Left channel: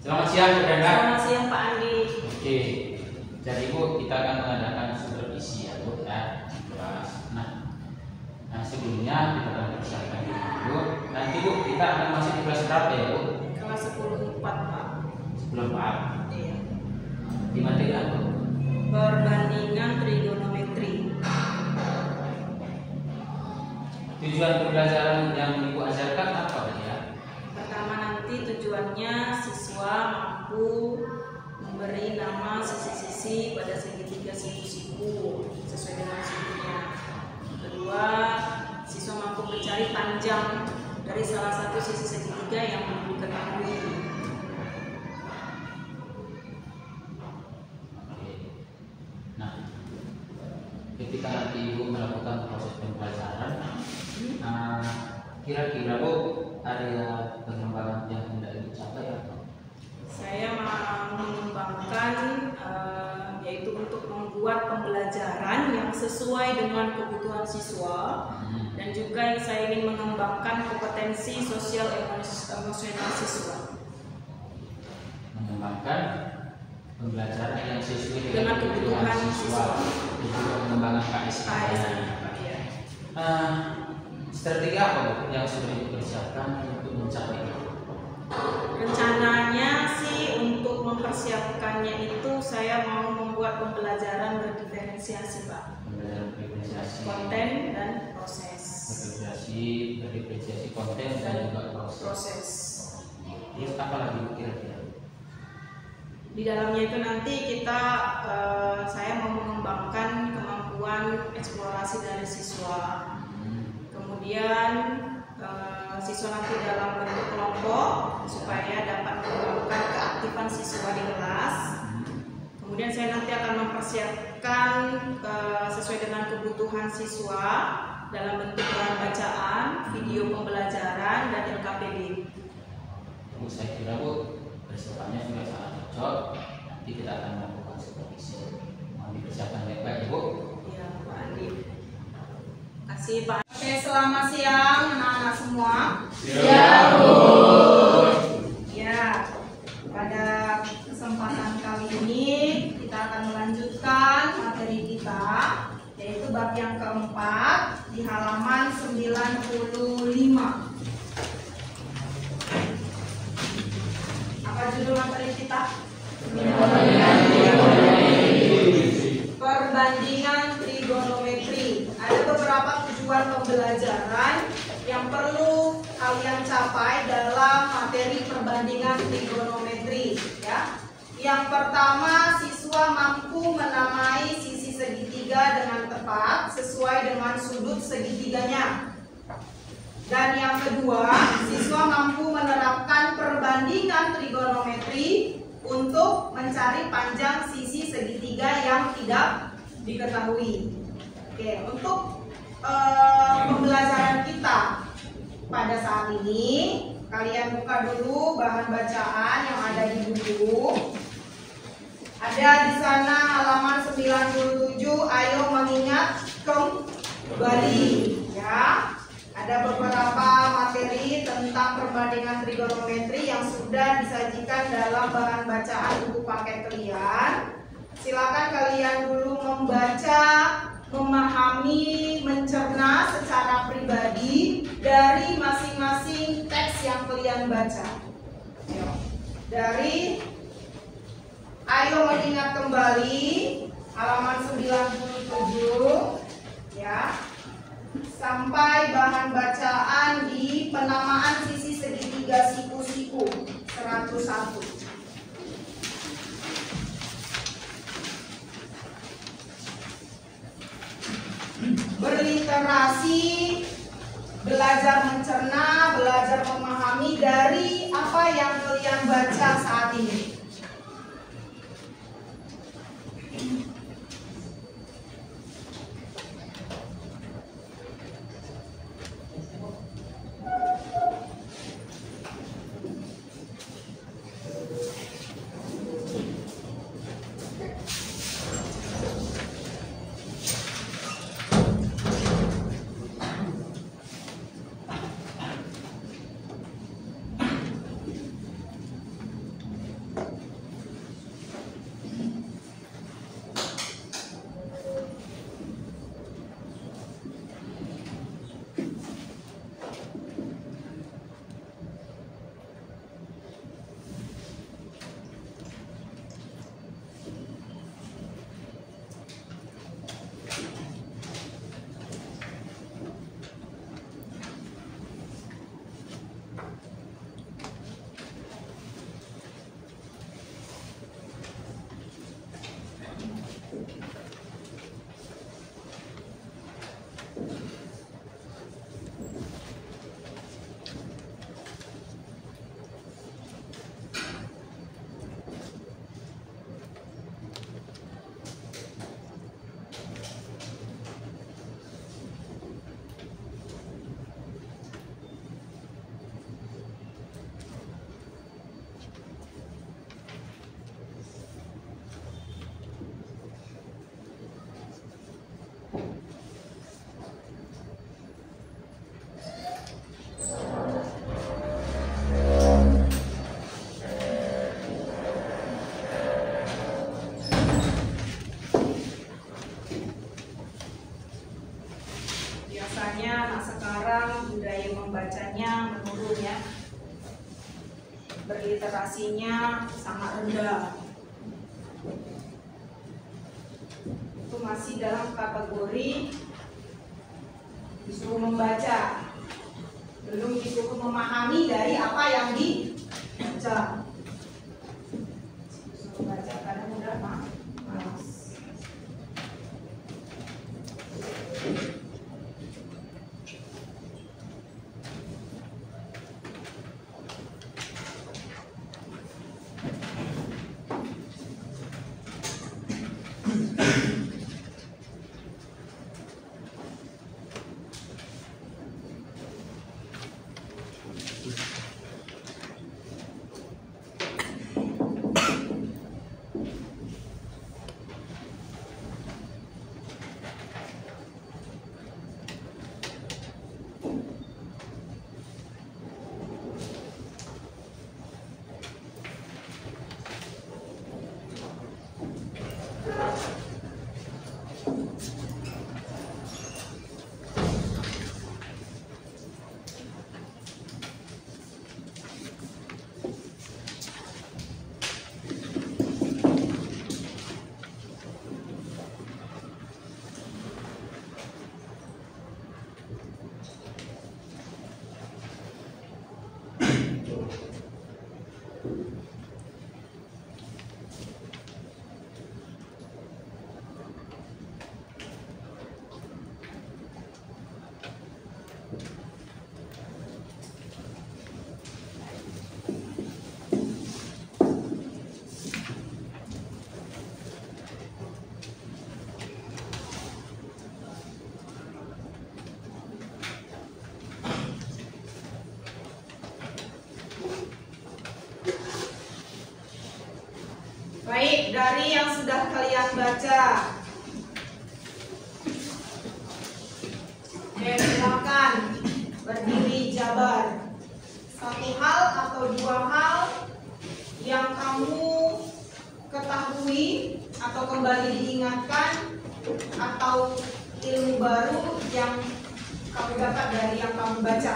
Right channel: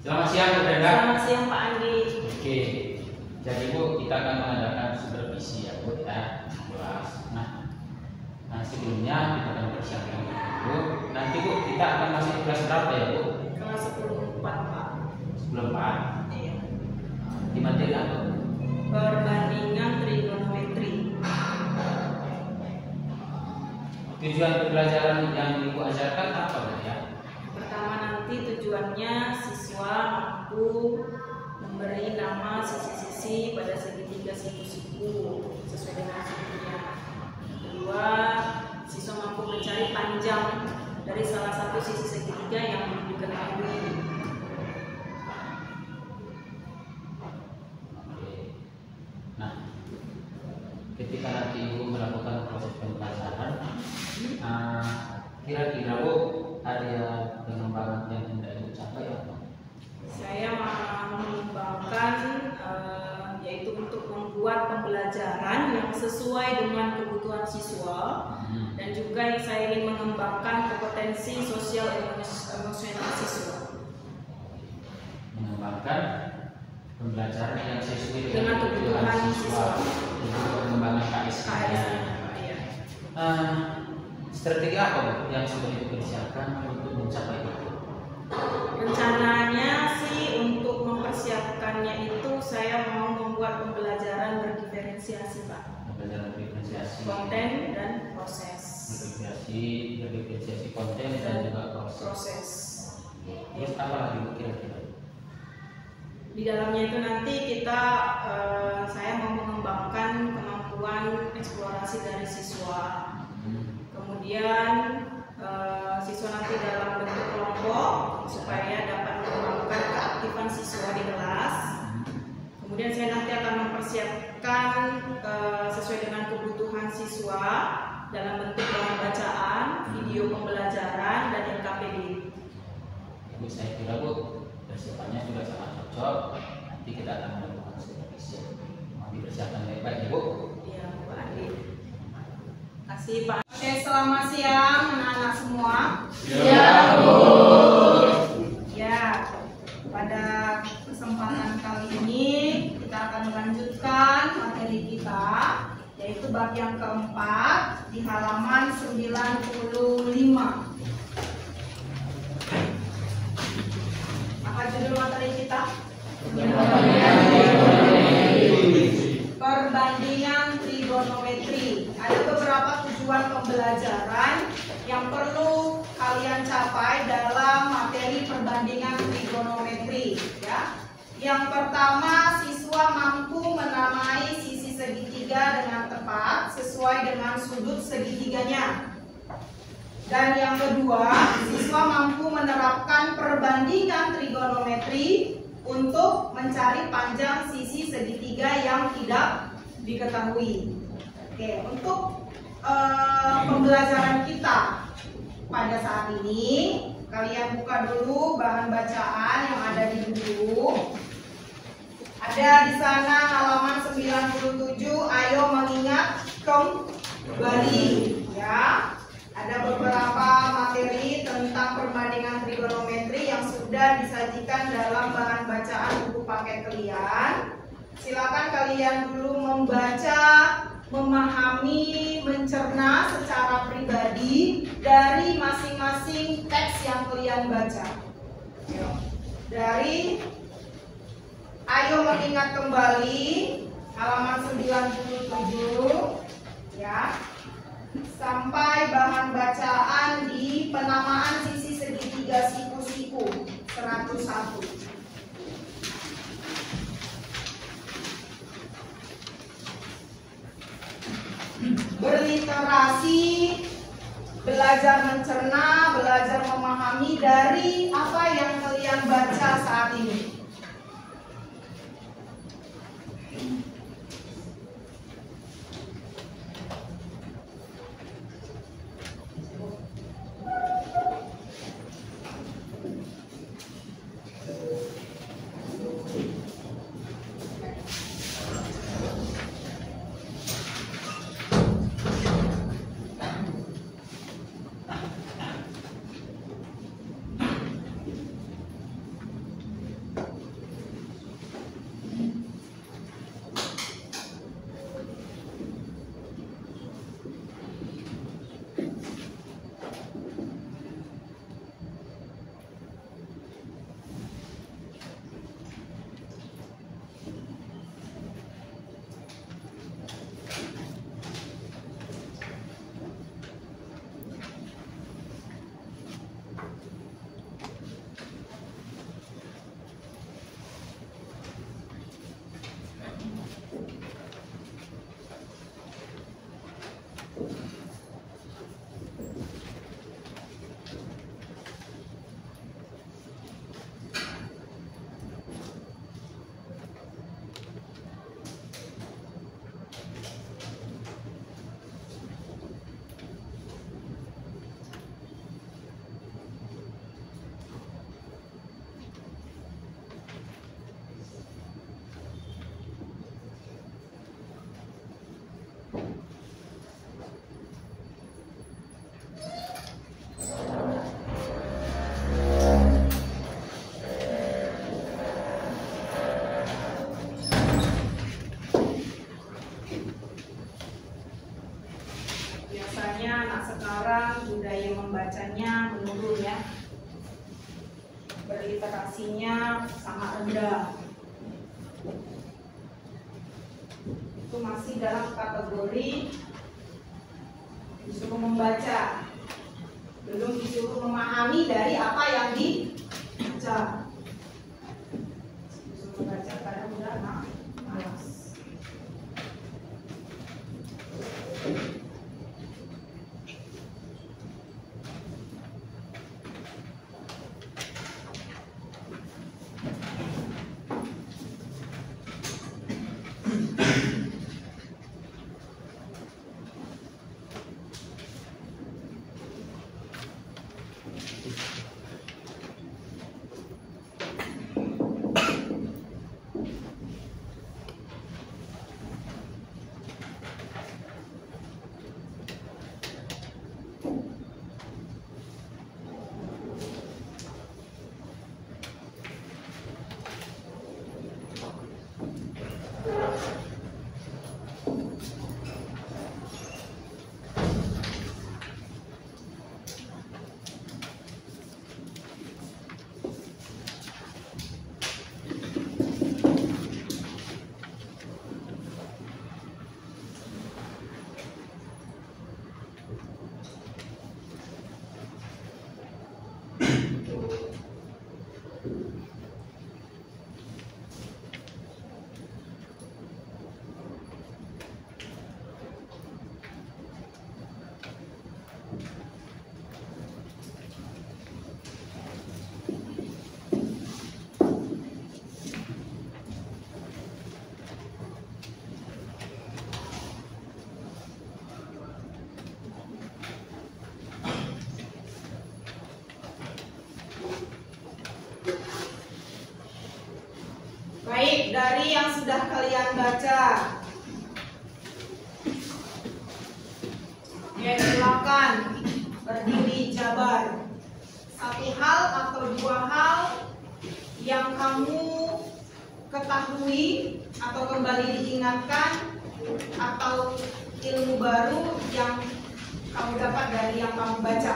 Selamat siang Bu Brenda. Selamat siang Pak Andi. Oke, jadi Bu kita akan mengadakan supervisi ya Bu ya kelas. Nah sebelumnya kita akan persiapkan dulu. Nanti Bu kita akan masuk di kelas berapa ya Bu? Kelas 10-4 Pak. 10-4. Iya. Di materi apa Bu? Perbandingan trigonometri. Tujuan pembelajaran yang Ibu ajarkan apa Bu ya? Pertama nanti tujuannya siswa mampu memberi nama sisi-sisi pada segitiga siku-siku sesuai dengan segitinya. Kedua, siswa mampu mencari panjang dari salah satu sisi segitiga yang belum diketahui. Oke. Nah, ketika nanti Ibu melakukan proses pembelajaran, kira-kira Bu area pengembangan yang hendak Ibu capai apa? Saya mau mengembangkan yaitu untuk membuat pembelajaran yang sesuai dengan kebutuhan siswa dan juga yang saya ingin mengembangkan kompetensi sosial emosional siswa. Mengembangkan pembelajaran yang sesuai Dengan kebutuhan siswa dan juga pengembangan KS. Ya. Strategi apa Bu yang sudah dipersiapkan untuk mencapai itu? Rencananya sih untuk mempersiapkannya itu saya mau membuat pembelajaran berdiferensiasi Pak. Pembelajaran diferensiasi Konten dan proses. berdiferensiasi konten dan juga proses. Terus apa lagi kira-kira? Di dalamnya itu nanti saya mau mengembangkan kemampuan eksplorasi dari siswa. Kemudian siswa nanti dalam bentuk kelompok supaya dapat mengembangkan keaktifan siswa di kelas. Kemudian saya nanti akan mempersiapkan sesuai dengan kebutuhan siswa dalam bentuk bahan bacaan, video pembelajaran, dan LKPD. Bu, saya kira Bu persiapannya sudah sangat cocok. Nanti kita akan melakukan supervisi. Mohon dipersiapkan baik-baik ya Bu. Iya Pak Andi. Kasih Pak. Oke, selamat siang anak-anak semua. Siang Bu. Ya, pada kesempatan kali ini kita akan melanjutkan materi kita, yaitu bab yang keempat di halaman 95. Apa judul materi kita? Perbandingan trigonometri. Ada beberapa tujuan pembelajaran yang perlu kalian capai dalam materi perbandingan trigonometri ya. Yang pertama, siswa mampu menamai sisi segitiga dengan tepat sesuai dengan sudut segitiganya. Dan yang kedua, siswa mampu menerapkan perbandingan trigonometri untuk mencari panjang sisi segitiga yang tidak diketahui. Oke, untuk pembelajaran kita pada saat ini, kalian buka dulu bahan bacaan yang ada di buku. Ada di sana halaman 97, ayo mengingat kembali ya. Ada beberapa materi tentang perbandingan trigonometri yang sudah disajikan dalam bahan bacaan buku paket kalian. Silakan kalian dulu membaca, memahami, mencerna secara pribadi dari masing-masing teks yang kalian baca. Dari ayo mengingat kembali halaman 97 ya. Sampai bahan bacaan di penamaan sisi segitiga siku-siku 101. Berliterasi, belajar mencerna, belajar memahami dari apa yang kalian baca saat ini. berliterasinya sangat rendah. Itu masih dalam kategori disuruh membaca, belum disuruh memahami dari apa yang dibaca. Disuruh membaca kadang udah malas. Baik, dari yang sudah kalian baca, silakan berdiri jabar. Satu hal atau dua hal yang kamu ketahui atau kembali diingatkan, atau ilmu baru yang kamu dapat dari yang kamu baca.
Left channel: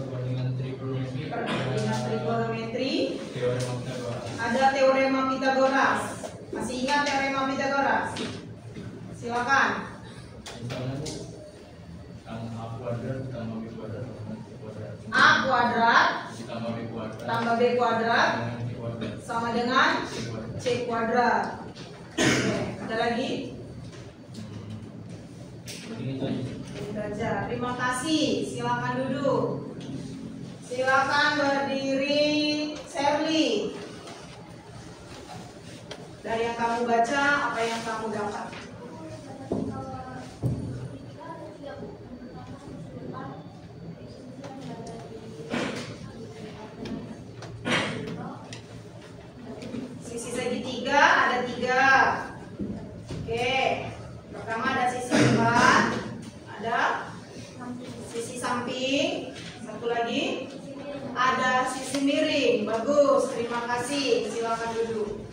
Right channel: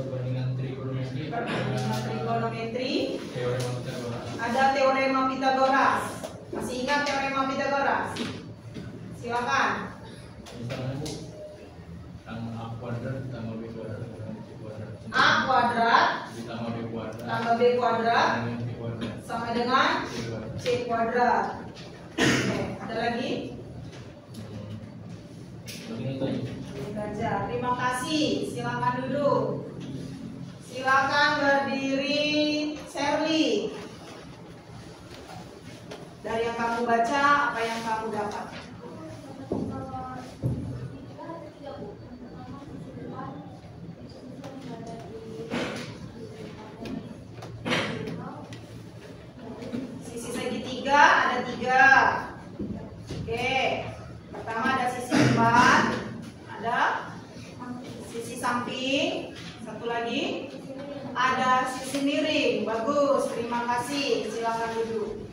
Perbandingan trigonometri. Ada teorema Pitagoras. Masih ingat teorema Pitagoras? Silakan. A kuadrat tambah B kuadrat A kuadrat tambah B kuadrat sama dengan C kuadrat. Oke, ada lagi? Baca. Terima kasih. Silakan duduk. Silakan berdiri, Sherly. Dari yang kamu baca, apa yang kamu dapat? Sisi segitiga ada 3. Oke. Pertama ada sisi depan, ada sisi samping, satu lagi ada sisi miring. Bagus, terima kasih. Silakan duduk.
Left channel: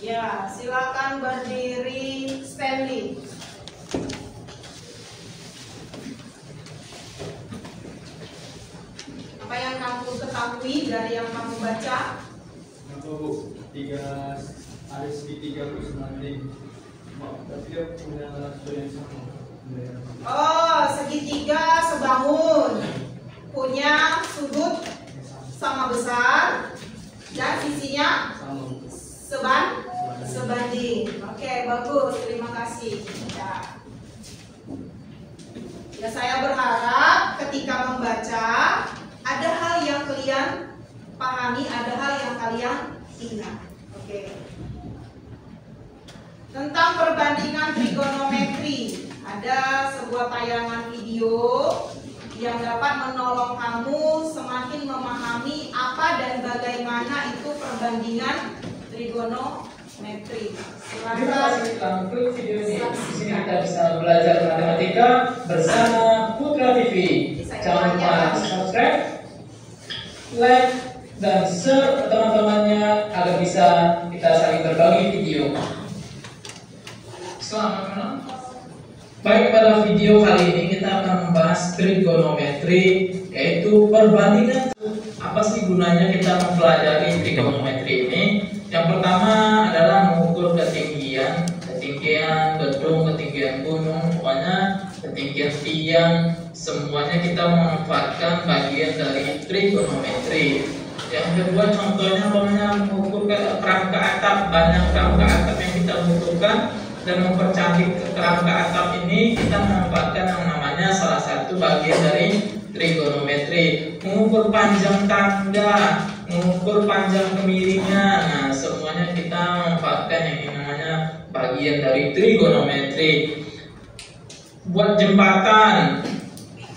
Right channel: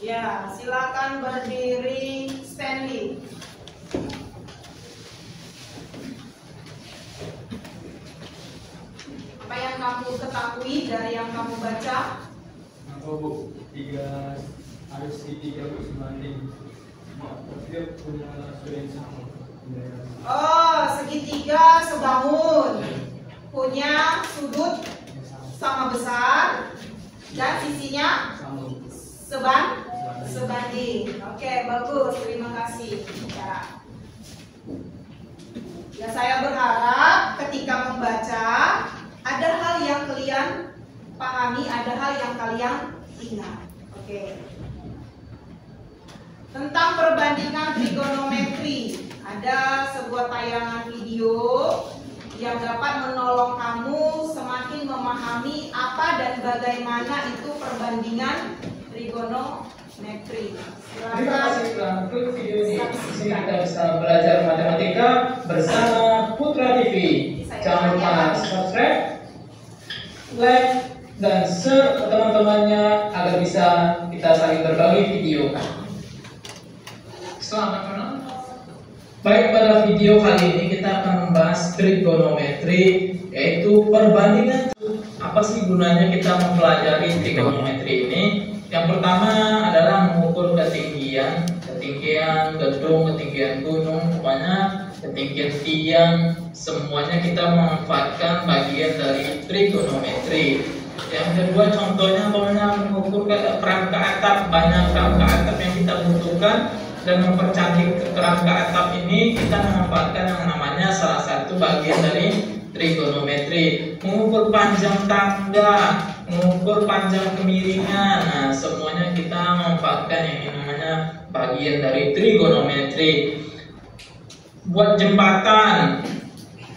Ya, silakan berdiri, Stanley. Apa yang kamu ketahui dari yang kamu baca? Apa Bu? Ada segitiga Bu sebanding. Tapi dia punya rasio yang sama. Oh, segitiga sebangun, punya sudut sama besar dan sisinya sebanding. Oke, bagus, terima kasih. Ya, saya berharap ketika membaca ada hal yang kalian pahami, ada hal yang kalian ingat. Oke. Tentang perbandingan trigonometri, ada sebuah tayangan video yang dapat menolong kamu semakin memahami apa dan bagaimana itu perbandingan trigonometri. Terima kasih telah mengikuti video ini. Di sini kita bisa belajar matematika bersama Putra TV. Jangan lupa subscribe, like, dan share ke teman-temannya agar bisa kita saling berbagi video. Selamat menonton. Baik, pada video kali ini kita akan membahas membahas trigonometri, yaitu perbandingan. Apa sih gunanya kita mempelajari trigonometri ini? Yang pertama adalah mengukur ketinggian gedung, ketinggian gunung, pokoknya ketinggian tiang, semuanya kita memanfaatkan bagian dari trigonometri. Yang kedua contohnya mengukur kerangka atap, banyak kerangka atap yang kita butuhkan, dan mempercantik kerangka atap ini kita memanfaatkan yang namanya salah satu bagian dari trigonometri. Mengukur panjang tangga, mengukur panjang kemiringan, nah semuanya kita memanfaatkan yang namanya bagian dari trigonometri. Buat jembatan,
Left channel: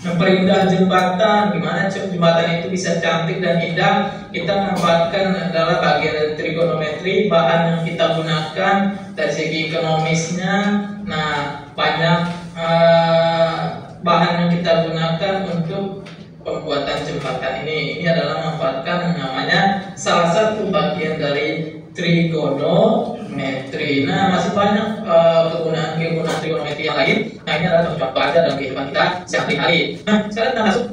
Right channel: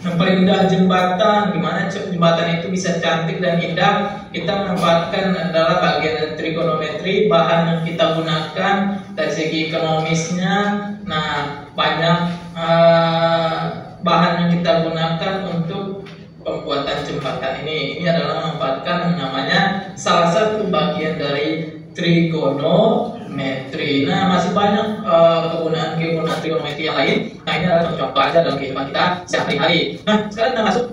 memperindah jembatan, gimana jembatan itu bisa cantik dan indah, kita memanfaatkan adalah bagian dari trigonometri. Bahan yang kita gunakan dari segi ekonomisnya, nah banyak bahan yang kita gunakan untuk pembuatan jembatan ini adalah memanfaatkan yang namanya salah satu bagian dari trigonometri. Nah, masih banyak kegunaan trigonometri yang lain. Nah, ini adalah contoh aja dalam kehidupan kita sehari-hari. Nah, sekarang kita masuk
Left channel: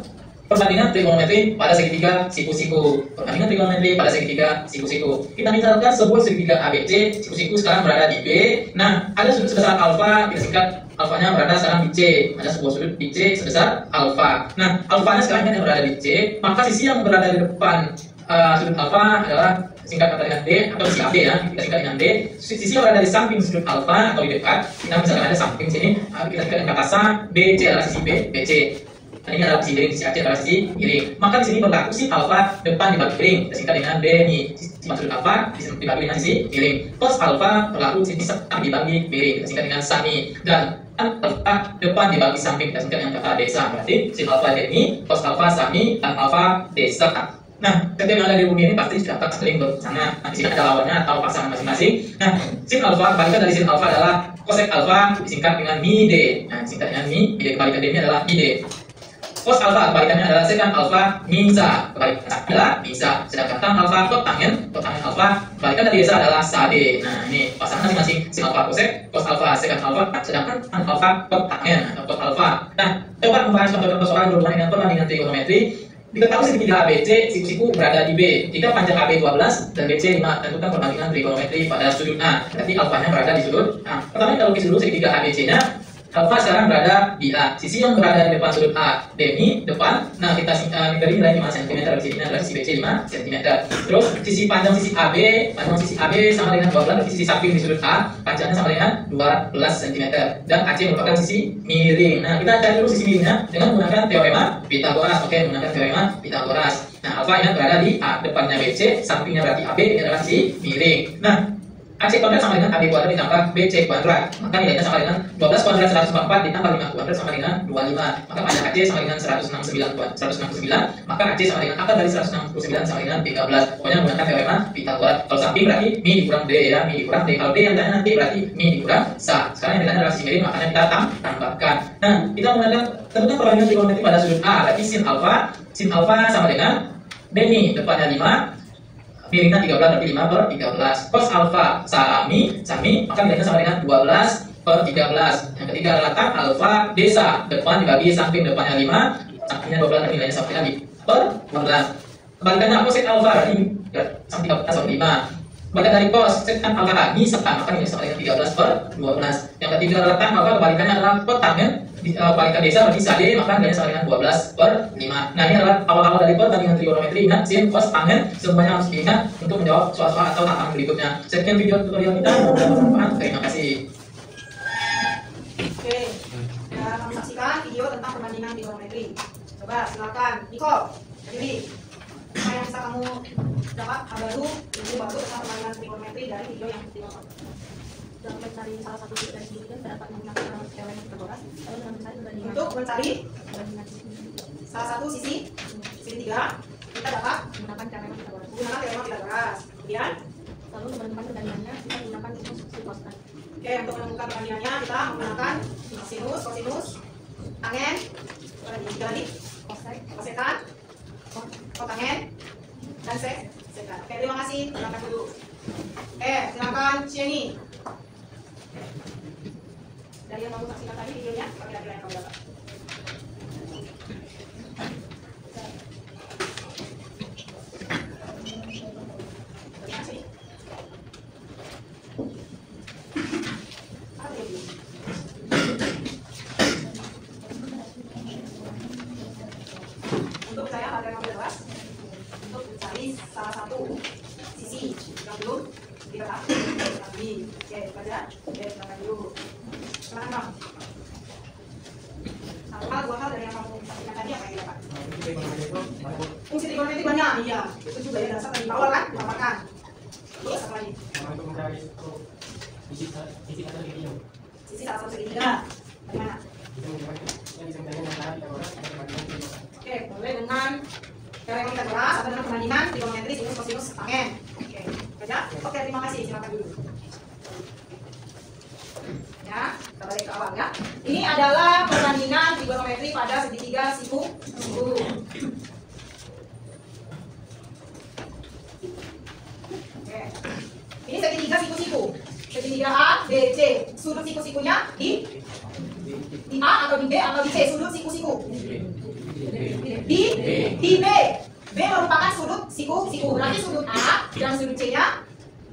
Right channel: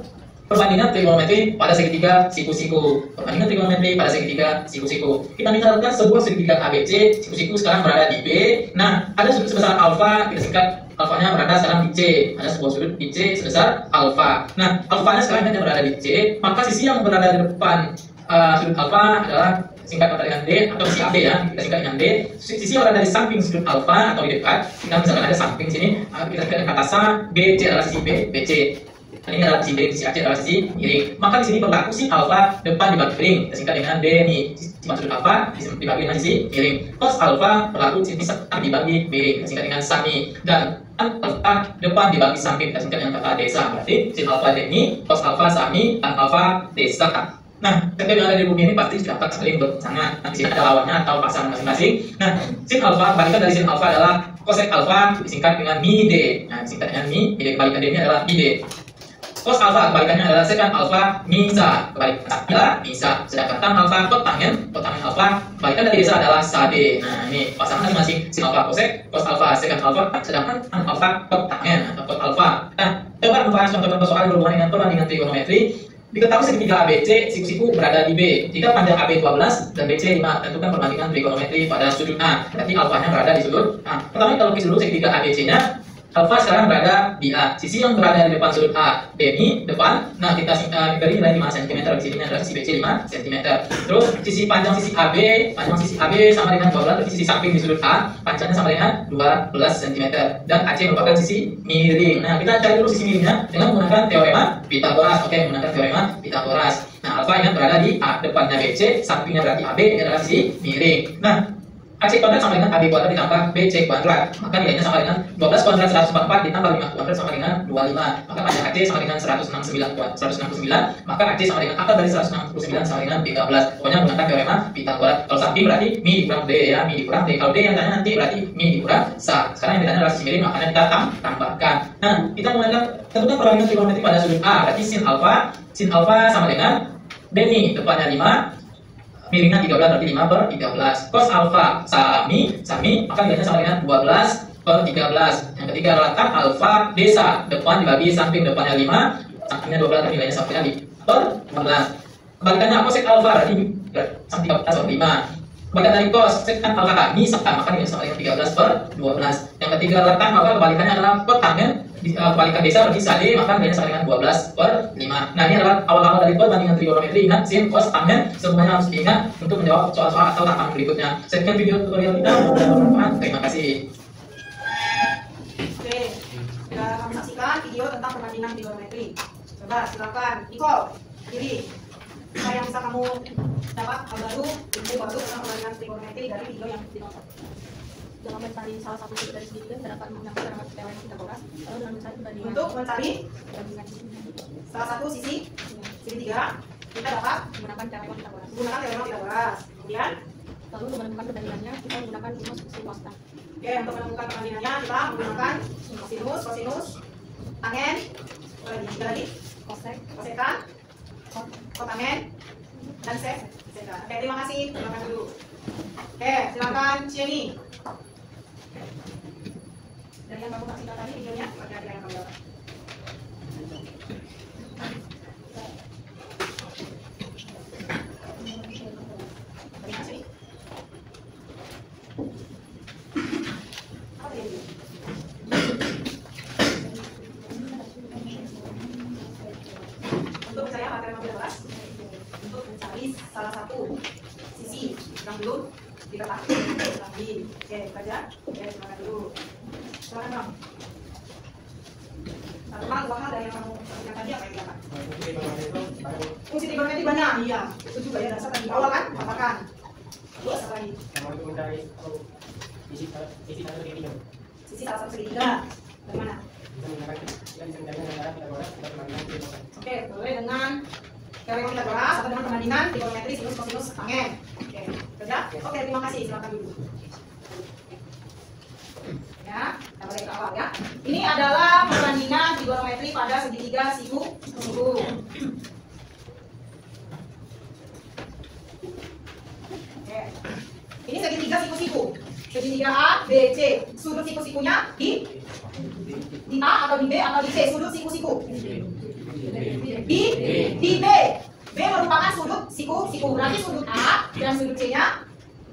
perbandingan trigonometri pada segitiga siku-siku. Perbandingan trigonometri pada segitiga siku-siku. Kita misalkan sebuah segitiga ABC, siku-siku sekarang berada di B. Nah, ada sudut sebesar alfa, kita singkat alfanya berada sekarang di C. Ada sebuah sudut di C sebesar alfa. Nah, alfanya sekarang yang berada di C, maka sisi yang berada di depan sudut alfa adalah singkat dengan D atau sisi AB ya, kita singkat dengan D. Sisi yang berada di samping sudut alfa atau di dekat, kita misalkan ada samping sini, kita singkat dengan kata sa, BC adalah sisi B, BC. Ini adalah sisi miring, sisi AC adalah sisi miring. Maka di sini berlaku sisi alfa depan dibagi miring, kita singkat dengan D ini. Sisi sudut alfa dibagi dengan sisi miring. Cos alfa berlaku sisi samping dibagi miring, kita singkat dengan sami. Dan alfa depan dibagi samping, kita singkat dengan kata desa. Berarti sin alfa D ini, cos alfa sami, tan alfa desa. Nah, setiap yang ada di bumi ini pasti sudah tak saling bersama. Nah, di sini ada lawannya atau pasangan masing-masing. Nah, sin alfa, balikan dari sin alfa adalah cosec alfa disingkat dengan mi D. Nah, disingkat dengan mi D. Balikan ini adalah mi D. Cos alfa, balikannya adalah secant alfa mi sa. Balikan adalah mi sa. Sedangkan tan alfa kotangen alfa, balikan dari desa adalah sa D. Nah, ini pasangan masing-masing sin alfa cosec, cos alfa secant alfa, sedangkan tan alfa kotangen atau cot alfa. Nah, coba membahas contoh persoalan berhubungan dengan perbandingan trigonometri. Diketahui segitiga ABC, siku-siku berada di B. Jika panjang AB 12 dan BC 5, tentukan perbandingan trigonometri pada sudut A. Berarti alfanya berada di sudut A. Pertama kita lukis dulu segitiga ABC-nya. Alfa sekarang berada di A. Sisi yang berada di depan sudut A, D ini depan. Nah, kita ini nilai 5 cm, di sini adalah sisi BC 5 cm. Terus sisi panjang sisi AB sama dengan 12, sisi samping di sudut A, panjangnya sama dengan 12 cm. Dan AC merupakan sisi miring. Nah, kita cari dulu sisi miringnya dengan menggunakan teorema Pythagoras. Oke, menggunakan teorema Pythagoras. Nah, alfa yang berada di A, depannya BC, sampingnya berarti AB, ini adalah sisi miring. Nah, AC kuadrat sama dengan AB kuadrat ditambah BC kuadrat. Maka nilainya sama dengan 12 kuadrat 144 ditambah 5 kuadrat sama dengan 25. Maka panjang AC sama dengan 169. Maka AC sama dengan akar dari 169 sama dengan 13. Pokoknya gunakan teorema Pythagoras. Kalau samping berarti mi dikurang D ya, mi dikurang D. Kalau D yang tanya nanti berarti mi dikurang sa. Sekarang yang ditanya adalah sisi miring, makanya kita tambahkan. Nah, kita menggunakan tentukan perbandingan trigonometri pada sudut A. Berarti sin alfa sama dengan D nih, depannya 5. Miringnya 13 berarti 5/13. Cos alfa sami, maka nilainya sama dengan 12/13. Yang ketiga adalah tan alfa desa, depan dibagi samping, depannya 5, sampingnya 12, nilainya sama dengan 5/14. Kebalikannya cosec alfa berarti 13/5. Kebalikan dari cos secant alfa ini sama, maka nilainya sama dengan 13/12. Yang ketiga adalah tan alfa, kebalikannya adalah kotangen. Kebalikan desa berarti sa D, maka nilainya sama dengan 12/5. Nah, ini adalah awal-awal dari perbandingan trigonometri. Ingat sin, cos, tangen, semuanya harus diingat untuk menjawab soal-soal atau tahapan berikutnya. Sekian video tutorial kita, semoga bermanfaat. Terima kasih. Oke, kita akan saksikan video tentang perbandingan trigonometri. Coba silakan, Niko, jadi apa yang bisa kamu dapat hal baru, ilmu baru tentang perbandingan trigonometri dari video yang ditonton? Dalam mencari salah satu sudut dan segitiga dapat menggunakan teori Pythagoras. Lalu dalam mencari perbandingan Untuk mencari salah satu sisi segitiga, kita dapat menggunakan teori Pythagoras. menggunakan teorema Pythagoras. Kemudian, Lalu untuk menentukan perbandingannya kita menggunakan rumus sin cos. oke, untuk menemukan perbandingannya kita menggunakan sinus, kosinus, tangen, dibalik, kosekan, kotangen, dan sek. Oke, terima kasih. Silakan dulu. Oke, silakan Cieni. Dari yang baru saksikan tadi videonya, Oke, ada yang kamu dapat. teorema bebas untuk mencari salah satu sisi yang belum diketahui. Oke, baca. Oke, silakan dulu. Silakan Bang. Apa dua hal dari yang mau sampaikan tadi apa ya Pak? Fungsi trigonometri banyak. Iya, itu juga ya dasar dari bawah kan? Apakan? Terus apa lagi? Untuk mencari sisi atau segitiga. Sisi salah satu segitiga. Bagaimana? Oke, boleh dengan teorema Pythagoras atau dengan perbandingan trigonometri sinus kosinus tangent. Oke, baca. Oke, terima kasih. Silakan dulu. Ya, kita balik ke awal ya. Ini adalah perbandingan trigonometri pada segitiga siku. Oke. Ini segitiga siku-siku. Segitiga A, B, C. Sudut siku-sikunya di A atau di B atau di C. Sudut siku-siku. Di B. B merupakan sudut siku-siku. Berarti sudut A dan sudut C-nya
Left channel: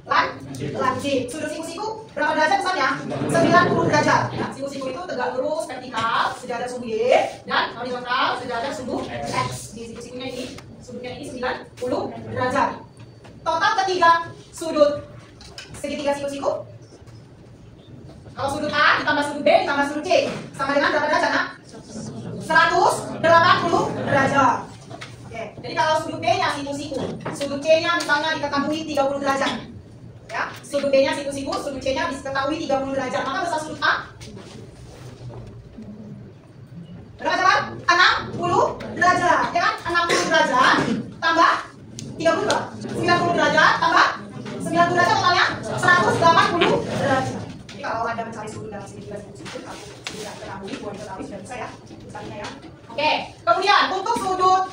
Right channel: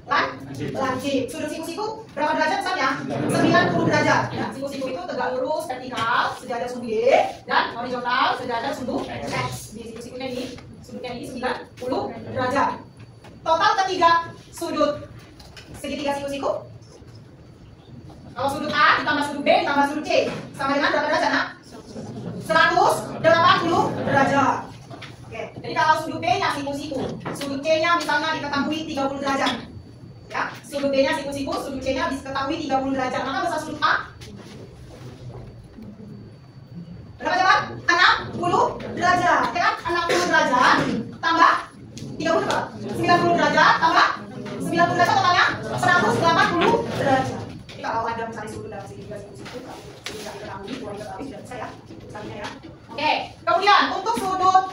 lancip. Sudut siku-siku berapa derajat besarnya? 90 derajat. Ya, siku-siku itu tegak lurus vertikal sejajar sudut Y dan horizontal sejajar sudut X. Di siku-sikunya ini, sudutnya ini 90 derajat. Total ketiga sudut segitiga siku-siku. Kalau sudut A ditambah sudut B ditambah sudut C sama dengan berapa derajat nak? 180 derajat. Oke, jadi kalau sudut B-nya siku-siku, sudut C-nya misalnya diketahui 30 derajat. Ya, sudut B-nya siku-siku, sudut C-nya diketahui 30 derajat. Maka besar sudut A berapa derajat? 60 derajat. Ya kan? 60 derajat tambah 30 berapa? 90 derajat tambah 90 derajat totalnya 180 derajat. Jadi kalau ada mencari sudut dari segitiga siku-siku, tidak ketahui, boleh ketahui sudah bisa ya. Ya. Oke, kemudian untuk sudut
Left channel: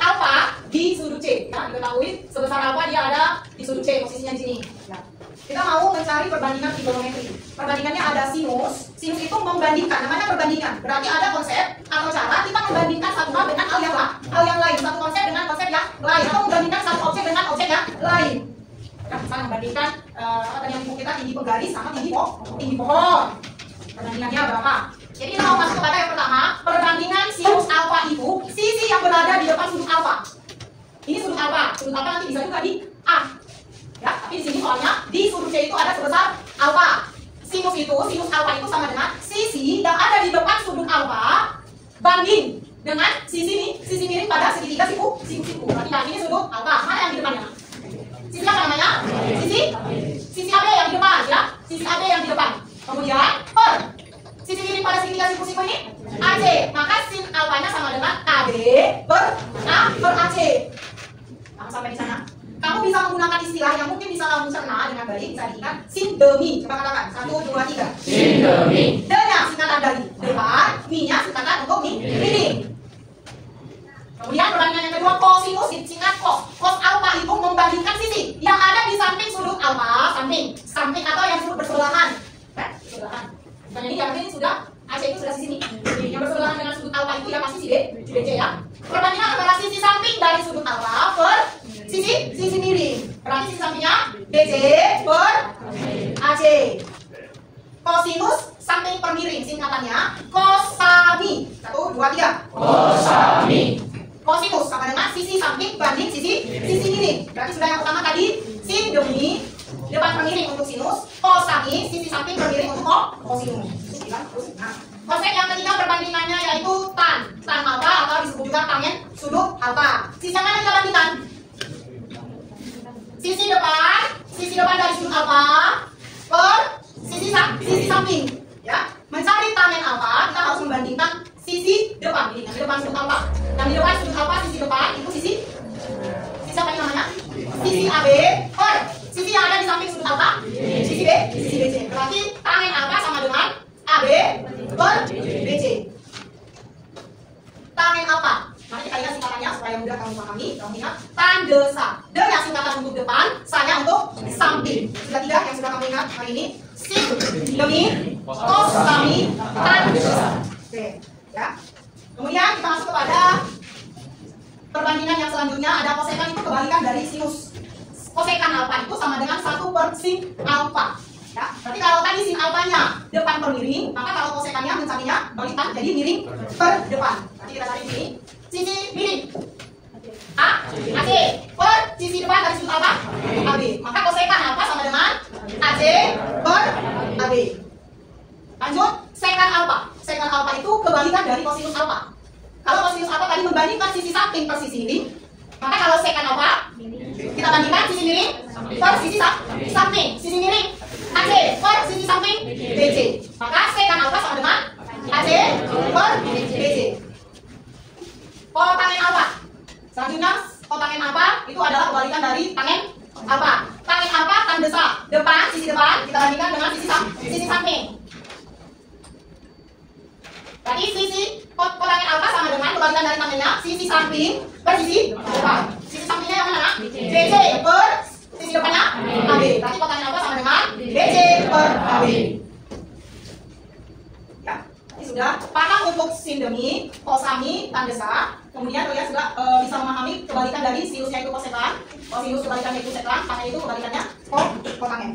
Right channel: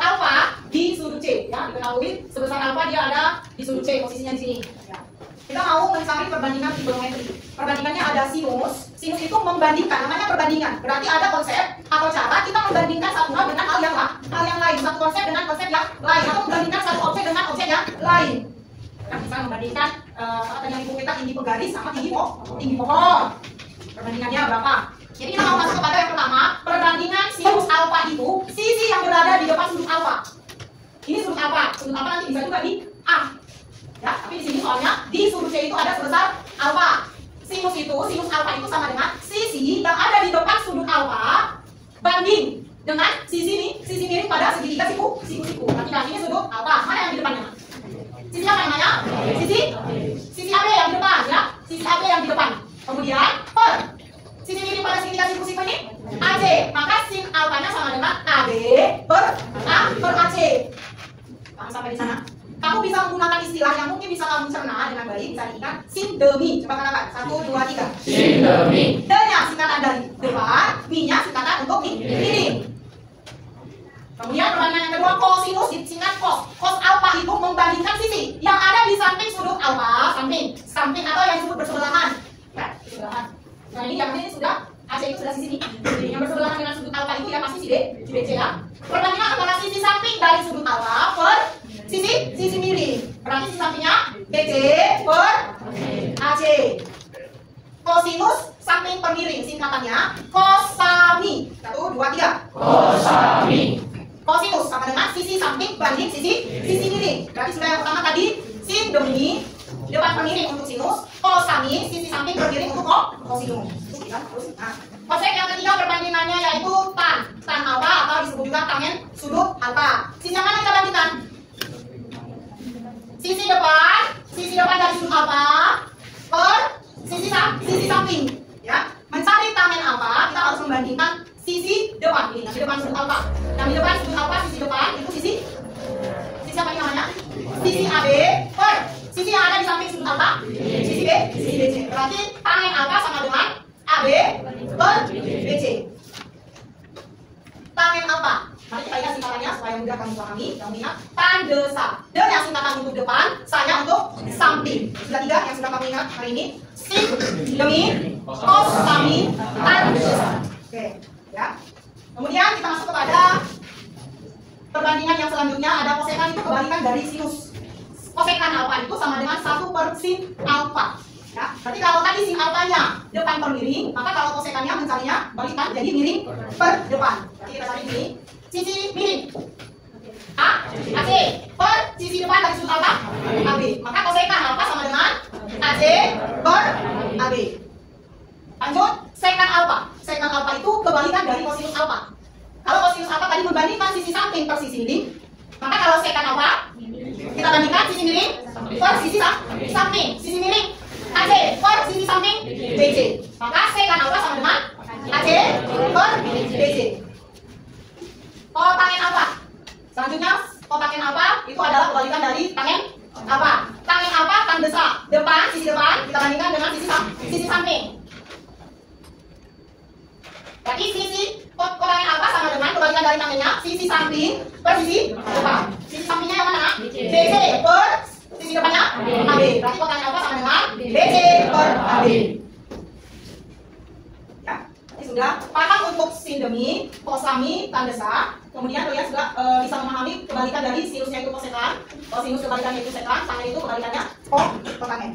alfa di sudut C, ya diketahui sebesar alfa dia ada di sudut C, posisinya di sini. Ya. Kita mau mencari perbandingan trigonometri. Perbandingannya ada sinus. Sinus itu membandingkan, namanya perbandingan. Berarti ada konsep atau cara kita membandingkan satu hal dengan hal yang lain, satu konsep dengan konsep yang lain, atau membandingkan satu objek dengan objek yang lain. Kita bisa membandingkan apa tadi yang ibu kita tinggi penggaris sama tinggi pohon. Perbandingannya berapa? Jadi kita mau masuk kepada yang pertama, perbandingan sinus alfa itu sisi yang berada di depan sudut alfa. Ini sudut alfa nanti bisa juga di A. Ya, tapi di sini soalnya di sudut C itu ada sebesar alfa. Sinus alfa itu sama dengan sisi yang ada di depan sudut alfa banding dengan sisi miring pada segitiga siku-siku. Berarti ini sudut alfa. Mana yang di depannya? Sisi apa namanya? Sisi AB yang di depan ya. Sisi AB yang di depan. Kemudian per sisi miring pada segitiga siku-siku ini AC, maka sin alfanya sama dengan AB per AC. Nah, sampai di sana. Kamu bisa menggunakan istilah yang mungkin bisa kamu cerna dengan baik, bisa diingat sin demi. Coba katakan 1, 2, 3. Sin demi. D-nya singkatan dari depan, mi-nya singkatan untuk miring. Kemudian perbandingan yang kedua kosinus disingkat cos. Cos alfa itu membandingkan sisi yang ada di samping sudut alfa, samping atau yang disebut bersebelahan. Ya, bersebelahan. Nah ini yang ini sudah AC itu sudah sisi ini. Yang bersebelahan dengan sudut alfa itu yang masih sisi DC ya. Perbandingan antara sisi samping dari sudut alfa per sisi miring. Berarti sisi sampingnya BC per AC. Kosinus samping per miring singkatannya kosami. 1, 2, 3. Kosami. Kosinus sama dengan sisi samping banding sisi miring. Berarti sudah yang pertama tadi sin demi depan per miring untuk sinus, kosami sisi samping per miring untuk kosinus. Nah, konsep yang ketiga perbandingannya yaitu tan alfa atau disebut juga tangen sudut alfa. Sisi yang mana kita bandingkan? Sisi depan dari sudut alfa per sisi samping. Ya, mencari tangen alfa kita harus membandingkan sisi depan ini, depan sudut alfa. Yang di depan sudut alfa sisi depan itu sisi apa namanya? Sisi AB per sisi yang ada di samping sudut alfa, sisi B, sisi BC. Berarti tangen alfa sama dengan AB per BC. Tangen alfa. Mari kita lihat singkatannya supaya mudah kamu pahami. Contohnya tan desa. D yang singkatan untuk depan, saya untuk samping. Sudah 3 yang sudah kamu ingat hari ini. Sin demi cos sami tan desa. Oke, ya. Kemudian kita masuk kepada perbandingan yang selanjutnya, ada kosekan itu kebalikan dari sinus. Kosekan alfa itu sama dengan 1 per sin alfa. Ya, berarti kalau tadi sin alfanya depan per miring, maka kalau kosekannya mencarinya balikan jadi miring per depan. Berarti kita cari ini sisi miring. per sisi depan dari sudut apa? AB. Maka kosekan alfa sama dengan AC per AB. Lanjut, sekan alfa. Sekan alfa itu kebalikan dari kosinus alfa. Kalau kosinus alfa tadi membandingkan sisi samping per sisi miring, maka kalau sekan alfa kita bandingkan sisi miring per sisi samping. Sisi miring AC per sisi samping BC. Maka sekan alfa sama dengan AC per BC. Kotangen alfa. Selanjutnya kotangen alfa itu adalah kebalikan dari tangen alfa. Tangen alfa tan desak depan, sisi depan kita bandingkan dengan sisi samping. Jadi sisi kotangen alfa sama dengan kebalikan dari tangennya sisi samping per sisi depan. Sisi sampingnya yang mana? BC per sisi depannya AB. Berarti kotangen alfa sama dengan BC per AB. Ya, ini sudah paham untuk sindemi, kosami, tan desak. Kemudian kalian sudah bisa memahami kebalikan dari sinusnya itu kosekan, kosinus kebalikannya itu sekan, tangen itu kebalikannya kotangen.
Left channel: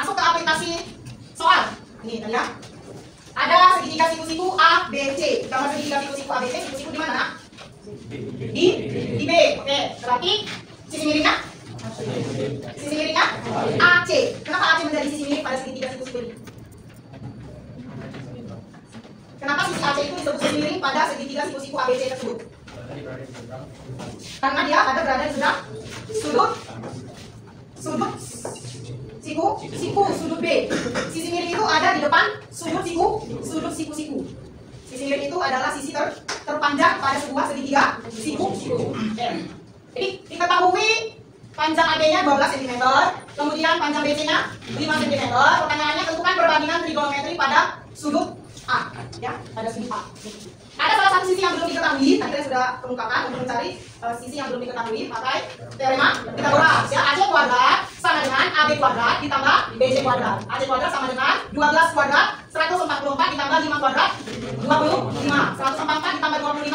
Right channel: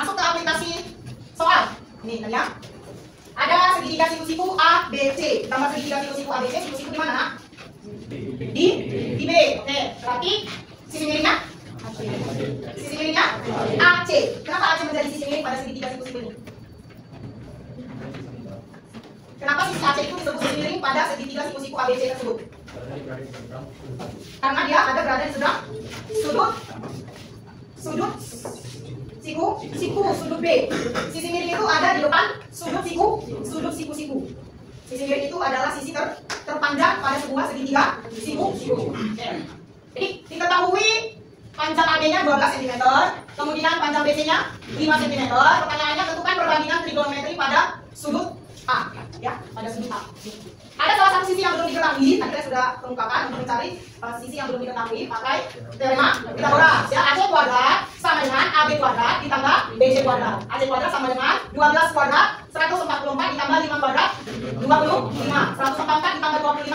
Masuk ke aplikasi soal. Ini kalian. Ada segitiga siku-siku A, B, C. Tambah segitiga siku-siku A, B, C. Siku-siku di mana? Di B. Oke. Berarti sisi miringnya? Sisi miringnya? AC. Kenapa AC menjadi sisi miring pada segitiga siku-siku ini? Kenapa sisi AC itu disebut sisi miring pada segitiga siku-siku A, B, C tersebut? Karena dia ada berada di sudut sudut B. Sisi miring itu ada di depan sudut siku-siku. Sisi miring itu adalah sisi terpanjang pada sebuah segitiga siku. Jadi diketahui panjang AB-nya 12 cm, kemudian panjang BC-nya 5 cm. Pertanyaannya tentukan perbandingan trigonometri pada sudut A, ya, pada sudut A. Ada salah satu sisi yang belum diketahui, tadi saya sudah perungkapkan untuk mencari sisi yang belum diketahui pakai teorema Pythagoras. Ya, AC kuadrat sama dengan AB kuadrat ditambah BC kuadrat. AC kuadrat sama dengan 12 kuadrat 144 ditambah 5 kuadrat 55. 144 ditambah 25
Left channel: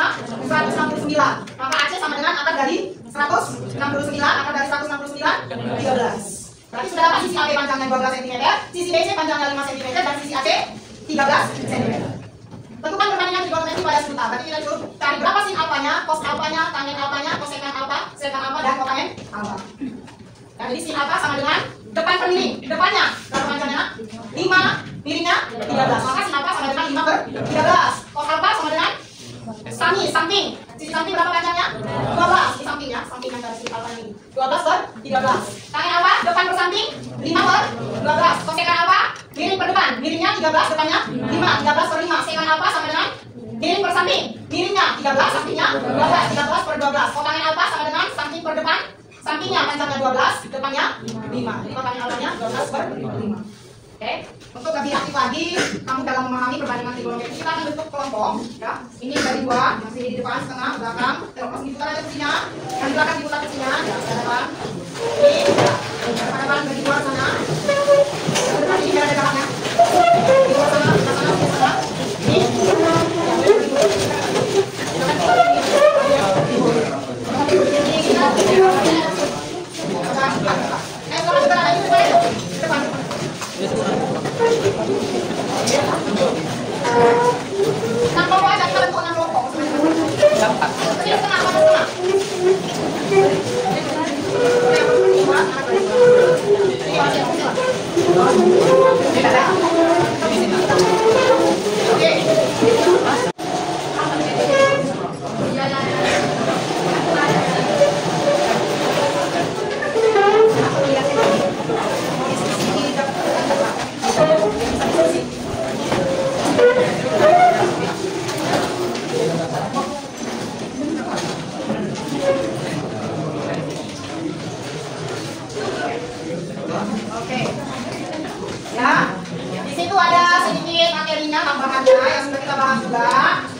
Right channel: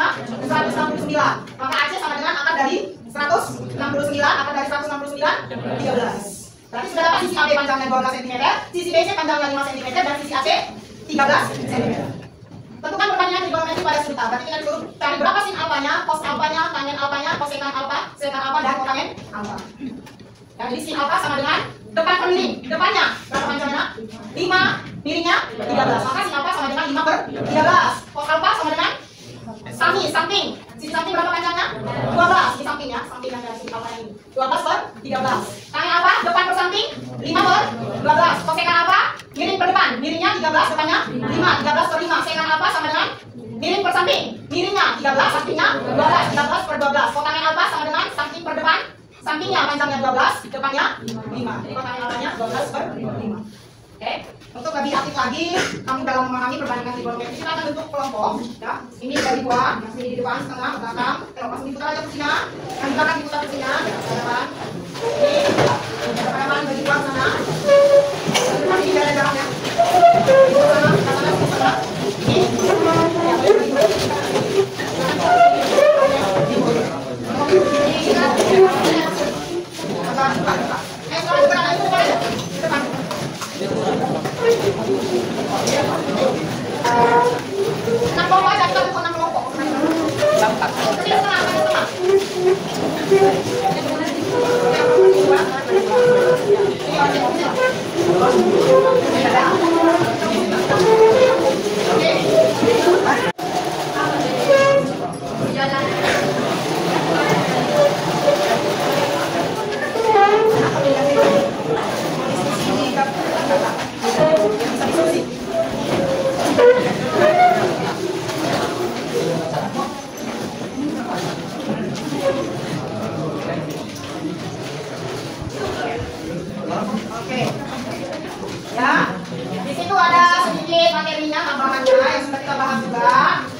169. Maka AC sama dengan akar dari 169, akar dari 169 13. Berarti sudah dapat sisi AB panjangnya 12 cm, sisi BC panjangnya 5 cm dan sisi AC 13 cm. Tentukan perbandingan trigonometri pada sudut A. Berarti kita disuruh cari berapa sin alfanya, cos alfanya, tangen alfanya, kosekan alfa, sekan alfa dan kotangen alfa. Dan jadi sin alfa sama dengan depan per miring. Depannya berapa panjangnya? 5, miringnya 13. Maka sin alfa sama dengan 5 per 13. Cos alfa sama dengan samping. Sisi samping berapa panjangnya? 12. Di sampingnya, sampingnya dari sin alfa ini. 12 per 13. Tangen alfa depan per samping 5 per 12. Kosekan alfa miring per depan, miringnya 13, depannya 5, 13 per 5. Sekan alfa sama dengan miring per samping, miringnya 13, sampingnya 12, 13 per 12. Kotangen alfa sama dengan samping per depan, sampingnya panjangnya 12, depannya 5. Jadi kotangen alfanya 12 per 5. Oke, untuk lebih aktif lagi kamu dalam memahami perbandingan trigonometri, kita akan bentuk kelompok, ya. Ini dari bawah, masih di depan, tengah, belakang, terlepas diputar aja fungsinya, dan di belakang diputar fungsinya, ya, saudara. Ini pada depan dari luar sana. Ini ada dalamnya. Ini sana, sana.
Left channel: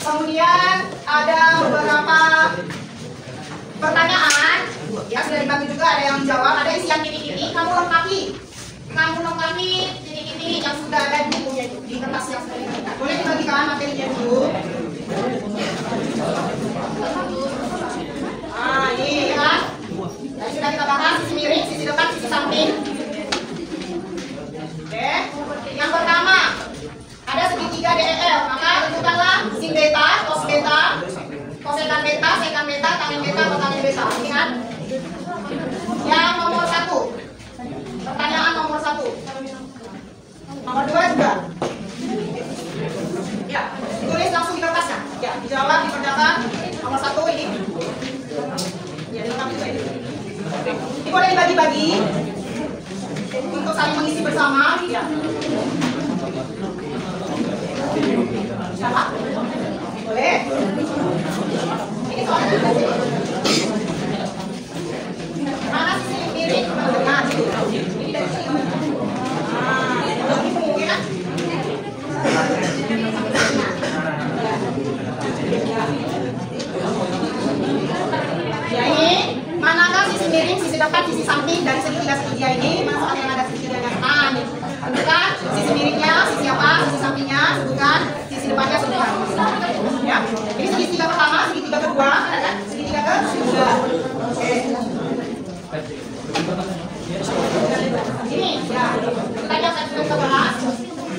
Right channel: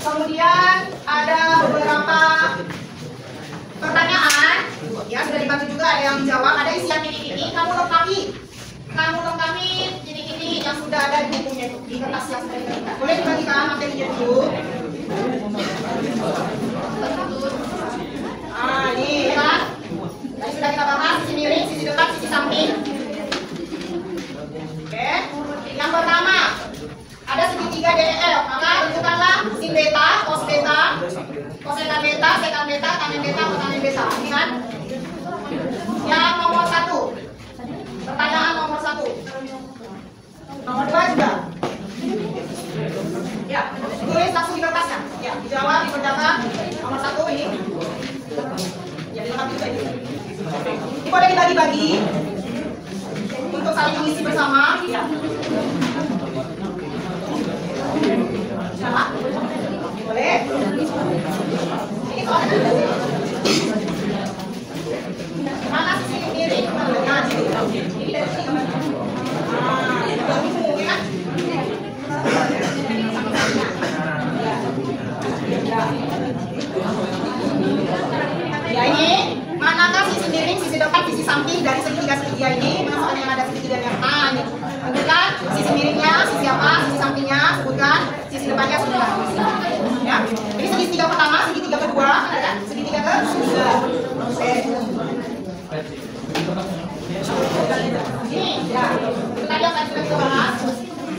Kemudian ada beberapa pertanyaan, ya sudah dibantu juga, ada yang jawab, ada isi yang titik-titik. Kamu lengkapi titik-titik yang sudah ada di bukunya itu, di kertas yang sudah ini. Boleh dibagikan materinya dulu. Ini kan, yang sudah kita bahas, sisi miring, sisi depan, sisi samping. Oke, yang pertama ada segitiga tangin beta atau tangin beta? Ingat? Yang nomor 1. Pertanyaan nomor 1. Nomor 2 juga. Ya, tulis langsung di kertasnya. Ya, dijawab, dikerjakan. Nomor 1 ini. Ya, dilengkapi ini. Ini boleh dibagi-bagi untuk saling mengisi bersama. Ya. Sama? Boleh? Ini soalnya mana sisi kiri? Nah, situ. Ini dari sini. Oke kan? Ya ini manakah sisi miring, sisi depan, sisi samping dari segitiga ini? Mana soal yang ada segitiga yang kanan? Sebutkan sisi miringnya, sisi apa? Sisi sampingnya, sebutkan sisi depannya, sebutkan. Ya, ini segitiga pertama, segitiga kedua, segitiga ketiga. Oke. Ini, ya, kita lihat tadi kita bahas.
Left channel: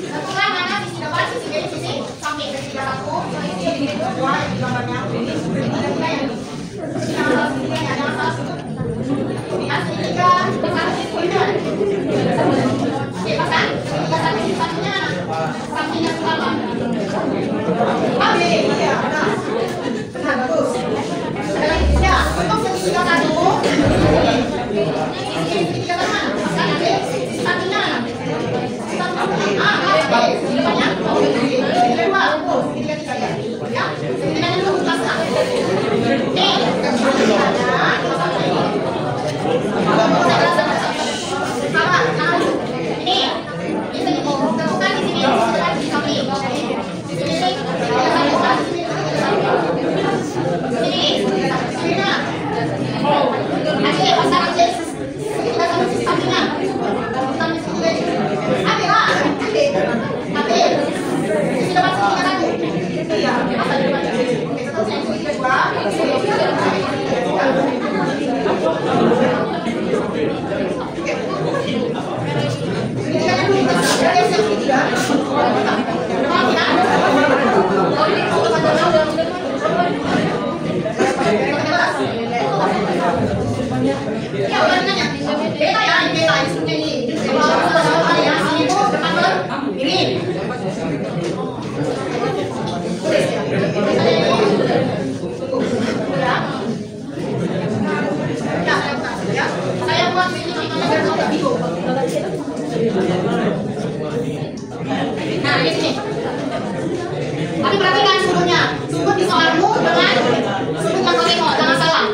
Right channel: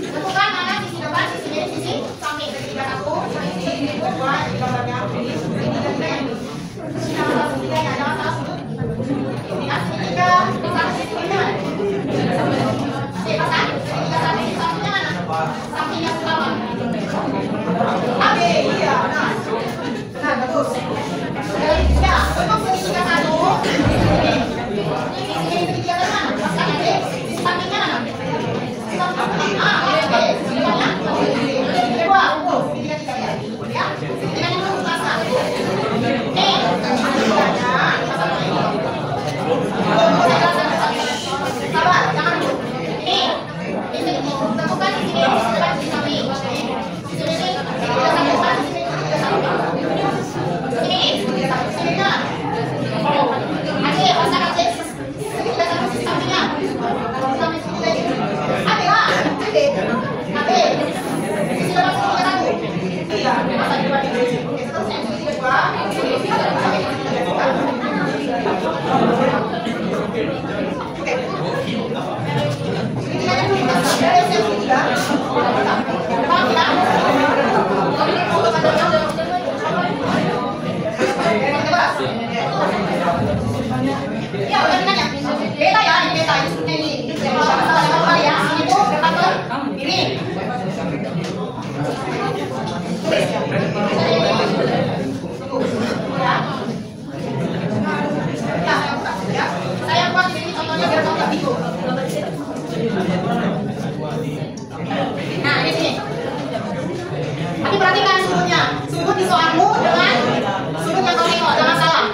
Tentukan mana sisi depan, sisi miring, sisi samping. Segitiga 1, segitiga 2, yang di gambarnya. Segitiga 3 yang ini. Segitiganya ada masalah. Ini segitiga, segitiga. Oke, bahkan segitiga samping, sampingnya mana? Sampingnya pertama. Oke, iya, benar. Benar, bagus. Ya, untuk segitiga 1, ini segitiga mana? Bahkan nanti sisi sampingnya mana? Sisi sampingnya. Oke, segitiga 2, segitiga 3 ya. Segitiga dulu, pasang. Sabar, jangan dulu. Ini tentukan di sini, di depan, di samping. Di sini, segitiga 1 kan, sini, segitiga. Oke, pasang aja. Segitiga 1 sisi sampingnya. Samping segitiga ini. Ada lah, ada. Sisi depan segitiga 1. Iya, pasang di depan. Oke, seterusnya segitiga 2. Ya, udah nanya. Beta ya, ini beta ini sebenarnya ini. Sama-sama ya. Itu depan ke miring. Tulis ya. Ya. Ya, saya buat ini contohnya biar tahu lebih. Nah, di sini. Tapi perhatikan sudutnya. Sudut di soalku dengan sudut yang tengok, jangan salah.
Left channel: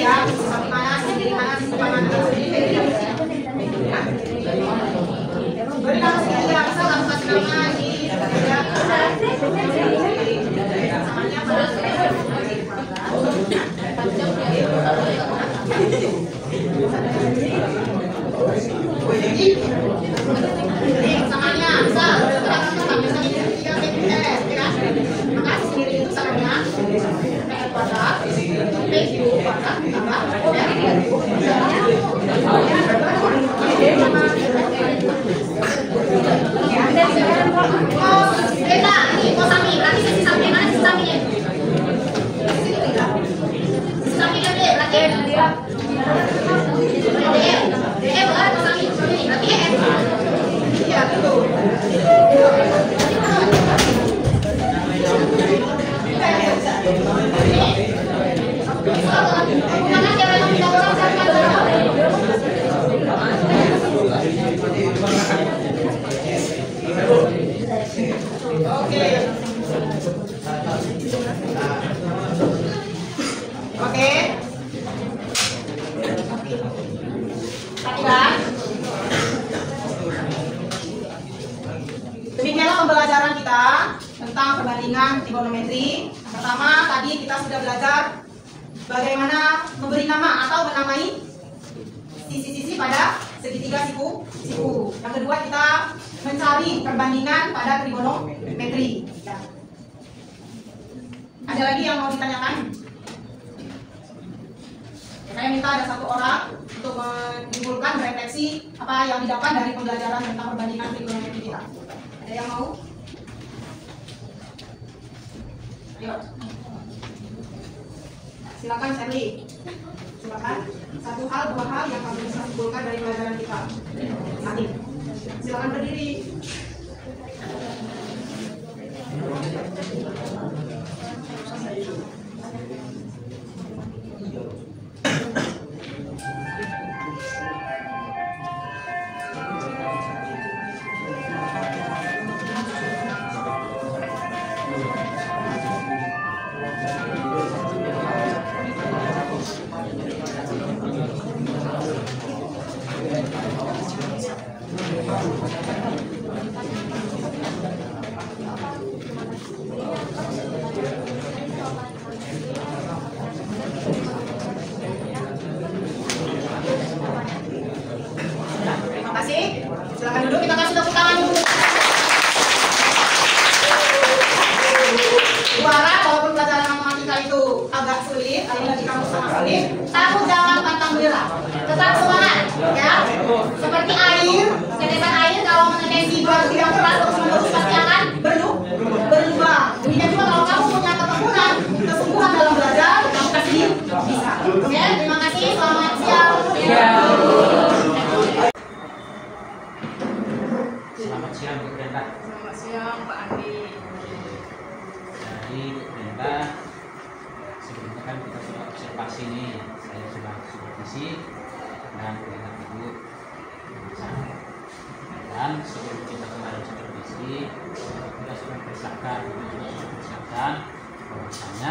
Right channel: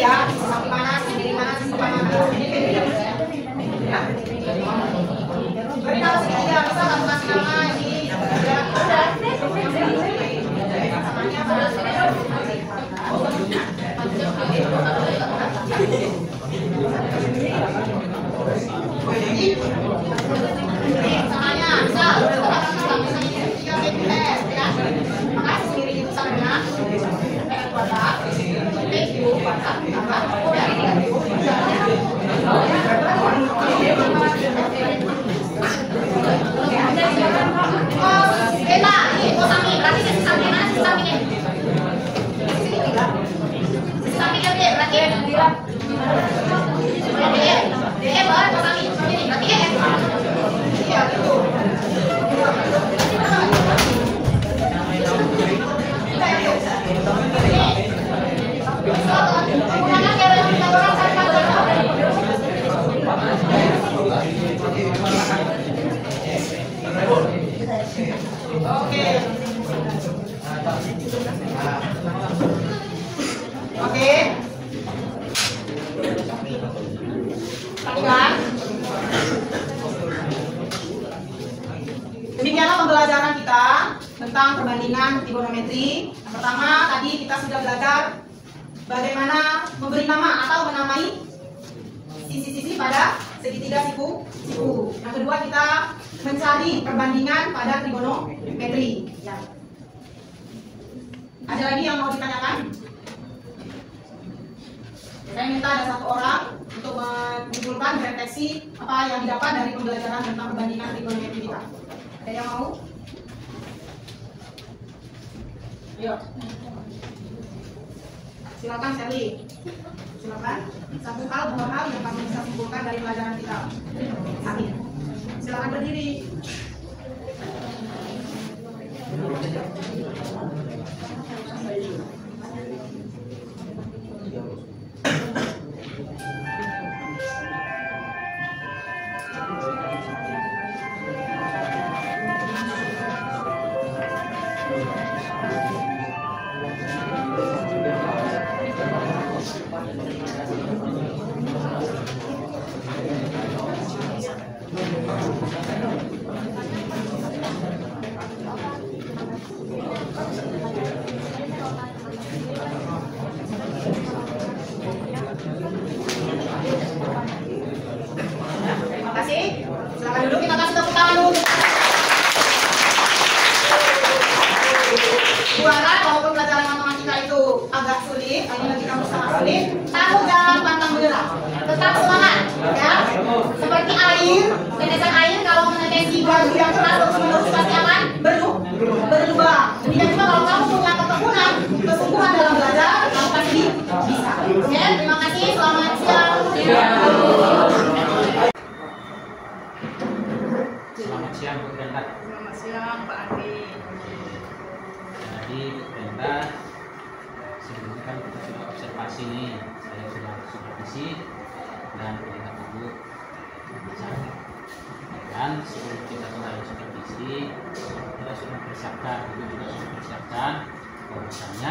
Ya, mana sisi mana sisi mana. Ya. Jadi kalau segitiga bisa langsung kasih nama di samanya bisa maka sendiri itu sama kuadrat kita ini itu samping berarti sisi samping mana sisi sampingnya sisi sampingnya B berarti dia baru samping ini berarti iya itu gunakan cara yang tidak orang samping Oke. Tadi kan? Demikianlah pembelajaran kita tentang perbandingan trigonometri. Yang pertama tadi kita sudah belajar bagaimana memberi nama atau menamai sisi-sisi pada segitiga siku. Yang kedua kita mencari perbandingan pada trigonometri. Ya. Ada lagi yang mau ditanyakan? Saya minta ada satu orang untuk menyimpulkan, merefleksi apa yang didapat dari pembelajaran tentang perbandingan trigonometri kita. Ada yang mau? Ayo. Silakan Sally. Silakan. Satu hal, dua hal yang kamu bisa simpulkan dari pelajaran kita. Satu. Silakan berdiri. Terima kasih. Silakan duduk, kita kasih tepuk tangan dulu. Suara walaupun pelajaran matematika itu agak sulit, ini bagi kamu sangat sulit, tahu dalam pantang menyerah. Tetap semangat, ya. Seperti air, tetesan air kalau menetesi berat yang keras terus-menerus pasti akan berlubang. Demikian juga kalau kamu punya ketekunan, kesungguhan dalam belajar, kamu pasti bisa. Oke, terima kasih. Selamat siang. Selamat siang Bu Brenda. Selamat siang Pak Andi. Jadi Bu Brenda, sebelumnya kan kita sudah observasi nih, saya sudah supervisi dan melihat Ibu mengajar. Dan sebelum kita kemarin supervisi, kita sudah persiapkan, Ibu juga sudah persiapkan bahwasanya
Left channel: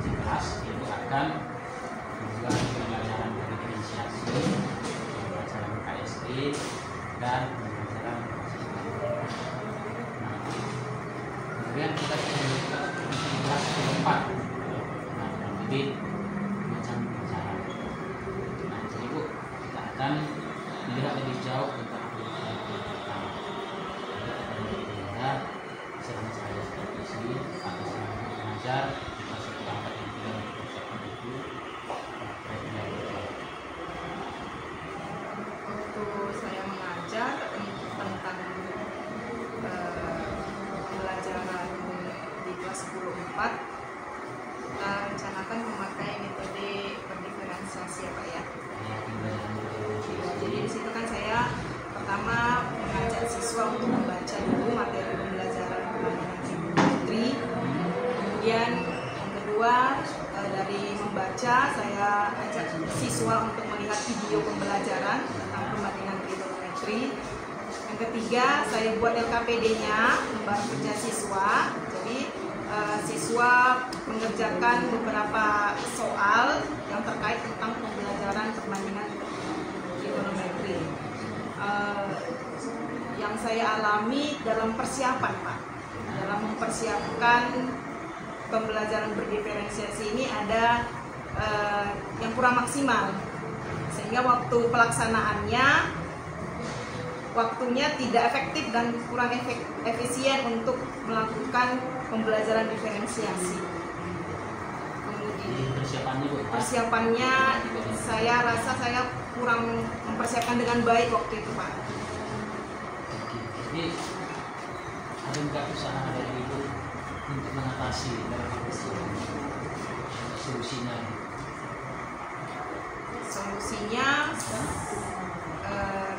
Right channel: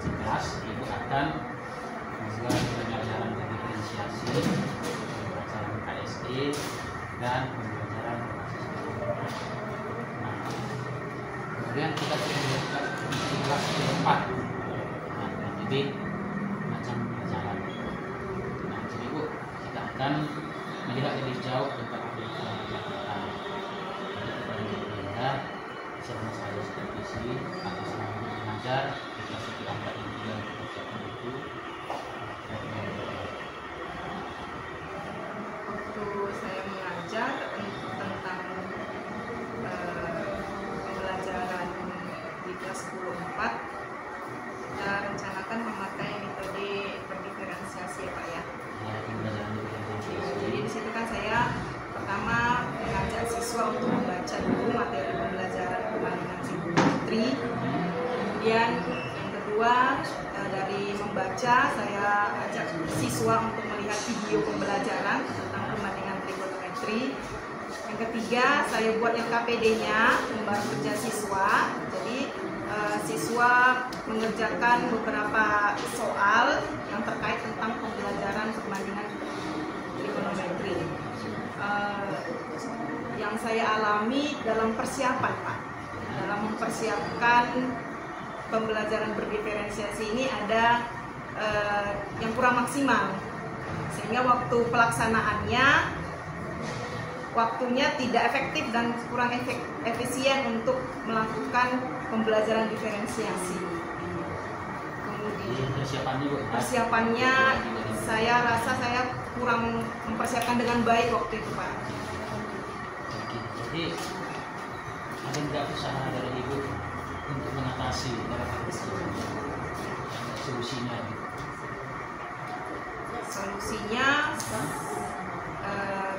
jelas Ibu akan membuat pembelajaran diferensiasi, pembelajaran KSE dan pembelajaran berbasis kelas. Nah, kemudian kita sudah membuka kelas keempat. Nah, kurang lebih macam pembelajaran. Nah, jadi Bu, kita akan melihat lebih jauh tentang pembelajaran pertama. Jadi kepada Bu Brenda, selama saya supervisi atau selama mengajar di kelas keempat yang tidak mempersiapkan itu. Waktu saya mengajar tentang pembelajaran di kelas 10-4, kita rencanakan memakai metode berdiferensiasi ya Pak ya. Ya, pembelajaran diferensiasi. Jadi di situ kan saya pertama mengajak siswa untuk membaca dulu materi pembelajaran perbandingan trigonometri. Kemudian yang kedua dari membaca saya ajak siswa untuk melihat video pembelajaran tentang perbandingan trigonometri. Yang ketiga saya buat LKPD-nya, lembar kerja siswa. Jadi siswa mengerjakan beberapa soal yang terkait tentang pembelajaran perbandingan trigonometri. Yang saya alami dalam persiapan Pak, dalam mempersiapkan pembelajaran berdiferensiasi ini ada yang kurang maksimal, sehingga waktu pelaksanaannya waktunya tidak efektif dan kurang efisien untuk melakukan pembelajaran diferensiasi. Kemudian persiapannya saya rasa saya kurang mempersiapkan dengan baik waktu itu Pak. Jadi ada nggak usaha dari Ibu untuk mengatasi dalam hal ini? Solusinya? Solusinya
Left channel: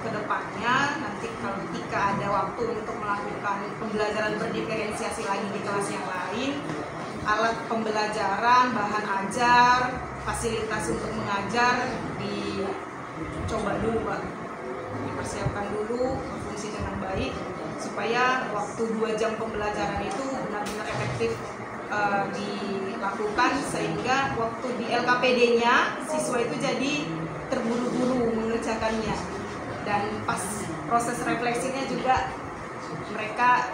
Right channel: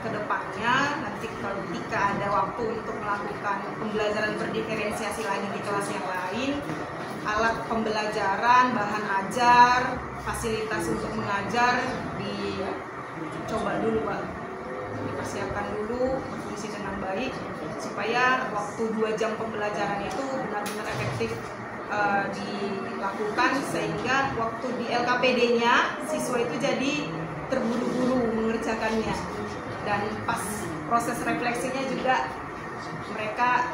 kedepannya nanti kalau ketika ada waktu untuk melakukan pembelajaran berdiferensiasi lagi di kelas yang lain, alat pembelajaran, bahan ajar, fasilitas untuk mengajar dicoba dulu Pak, dipersiapkan dulu berfungsi dengan baik supaya waktu 2 jam pembelajaran itu benar-benar efektif dilakukan, sehingga waktu di LKPD-nya siswa itu jadi terburu-buru mengerjakannya, dan pas proses refleksinya juga mereka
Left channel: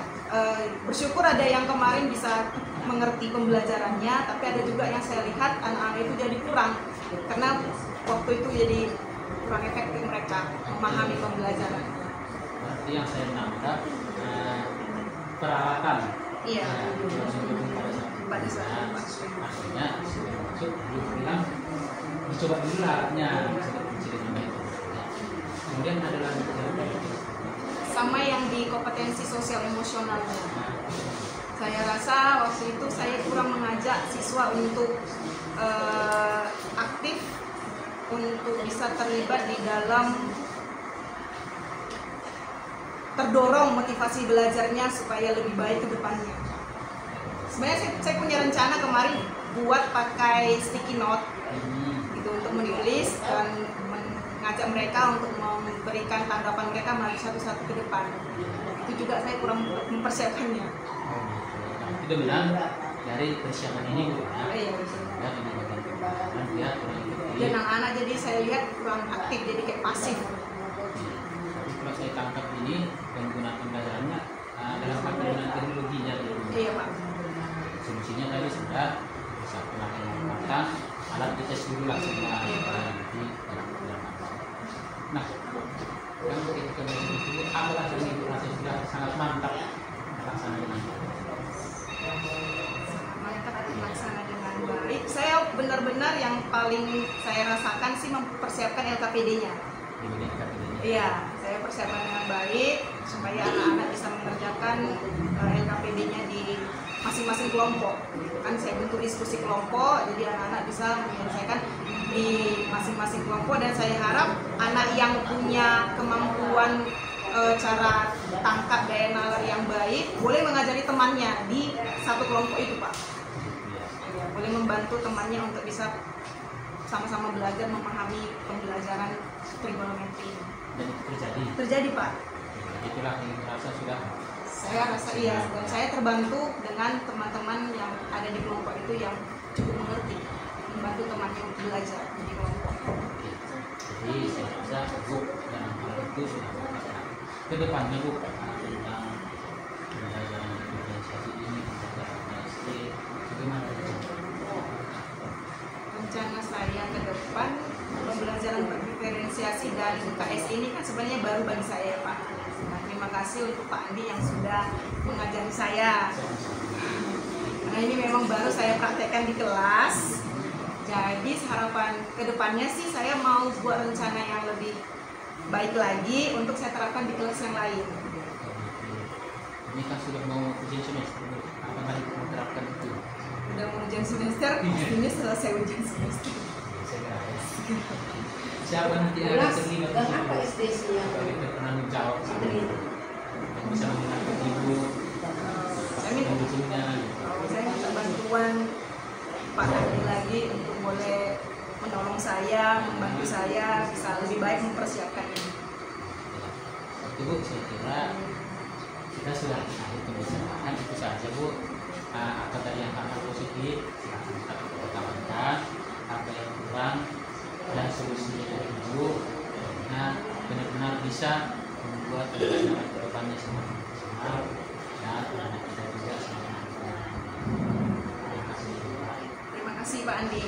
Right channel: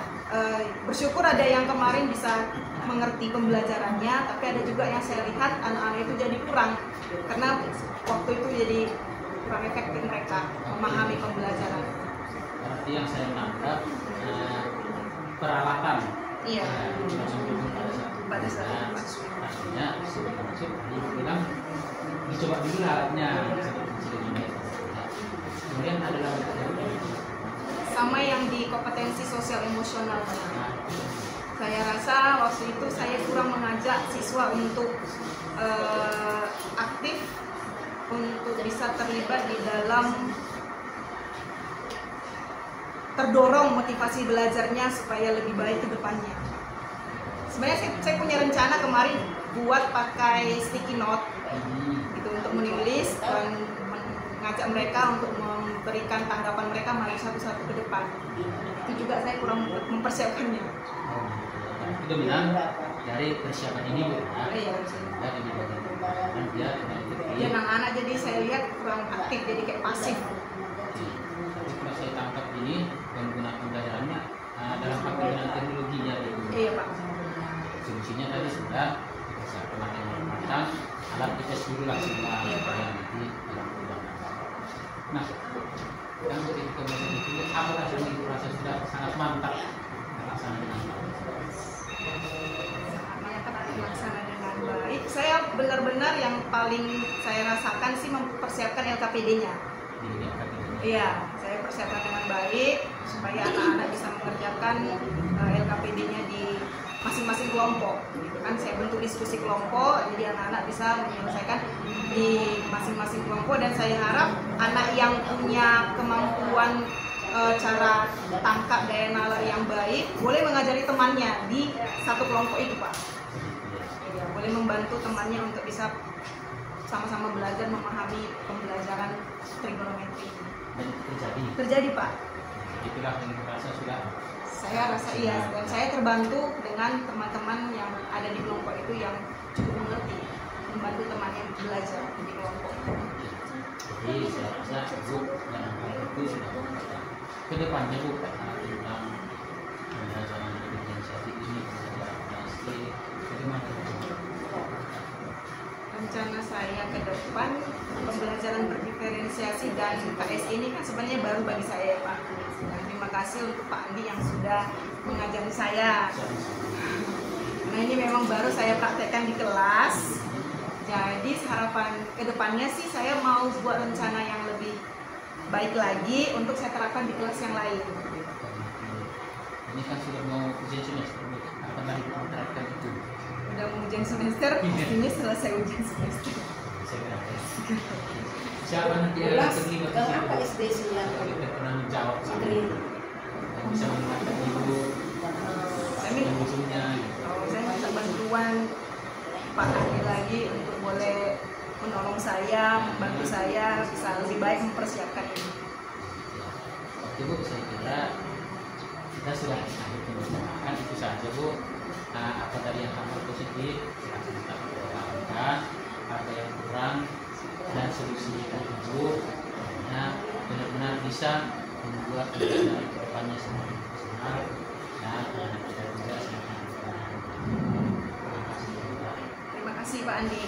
bersyukur ada yang kemarin bisa mengerti pembelajarannya, tapi ada juga yang saya lihat anak-anak itu jadi kurang karena waktu itu jadi kurang efektif mereka memahami pembelajaran. Berarti yang saya tangkap peralatan. Iya. Pada saat maksudnya sebelum masuk dia bilang dicoba dulu alatnya seperti dengan metode. Kemudian ada lagi sama yang di kompetensi sosial emosionalnya. Saya rasa waktu itu saya kurang mengajak siswa untuk aktif, untuk bisa terlibat di dalam terdorong motivasi belajarnya supaya lebih baik ke depannya. Sebenarnya saya punya rencana kemarin buat pakai sticky note gitu untuk menulis dan mengajak mereka untuk memberikan tanggapan mereka maju satu-satu ke depan. Itu juga saya kurang mempersiapkannya. Itu benar dari persiapan ini Bu. Iya. Dan di bagian pembahasan dia kurang ikut. Dan anak-anak jadi saya lihat kurang aktif, jadi kayak pasif. Tapi kalau saya tangkap ini penggunaan pembelajarannya dalam penggunaan teknologinya gitu. Iya Pak. Solusinya tadi sudah bisa pemakaian alat dites dulu lah semua Iya, Pak. nanti dalam penggunaan. Nah, yang kita belajar itu apalah yang proses sudah sangat mantap terlaksana dengan baik. Sangat mantap terlaksana dengan baik. Saya benar-benar yang paling saya rasakan sih mempersiapkan LKPD-nya. Iya, saya persiapkan dengan baik supaya anak-anak bisa mengerjakan LKPD-nya di masing-masing kelompok. Gitu kan, saya bentuk diskusi kelompok, jadi anak-anak bisa menyelesaikan di masing-masing kelompok. Dan saya harap anak yang punya kemampuan cara tangkap daya nalar yang baik boleh mengajari temannya di satu kelompok itu Pak. Ya, boleh membantu temannya untuk bisa sama-sama belajar memahami pembelajaran trigonometri. Dan Terjadi Pak. Itulah yang merasa sudah. Saya rasa iya, dan saya terbantu dengan teman-teman yang ada di kelompok itu yang cukup mengerti, membantu temannya belajar di kelompok. Jadi saya rasa Bu dalam hal itu sudah berkata kedepannya Bu tentang pembelajaran diferensiasi ini, pembelajaran KST, bagaimana? Rencana saya ke depan pembelajaran berdiferensiasi dan KS ini kan sebenarnya baru bagi saya ya Pak. Dan terima kasih untuk Pak Andi yang sudah mengajari saya. Karena ini memang baru saya praktekkan di kelas. Jadi harapan ke depannya sih saya mau buat rencana yang lebih baik lagi untuk saya terapkan di kelas yang lain. Ini kan sudah mau ujian semester, kapan lagi kita terapkan itu? Udah mau ujian semester, ini selesai ujian semester. Siapa nanti yang akan terlibat di Apa situ? SD-nya? Kita pernah menjawab dan bisa mengingatkan ibu Saya minta, pendukungnya gitu. saya minta bantuan Pak Andi lagi untuk boleh menolong saya, membantu saya bisa lebih baik mempersiapkan ini. Oke Bu, saya kira kita sudah akhir pembicaraan itu saja Bu. Apa tadi yang hal positif silahkan kita pertahankan, apa yang kurang dan solusinya Ibu benar-benar bisa membuat pembelajaran ke depannya semakin maksimal dan anak kita juga semakin berkembang. Terima kasih. Terima kasih Pak Andi.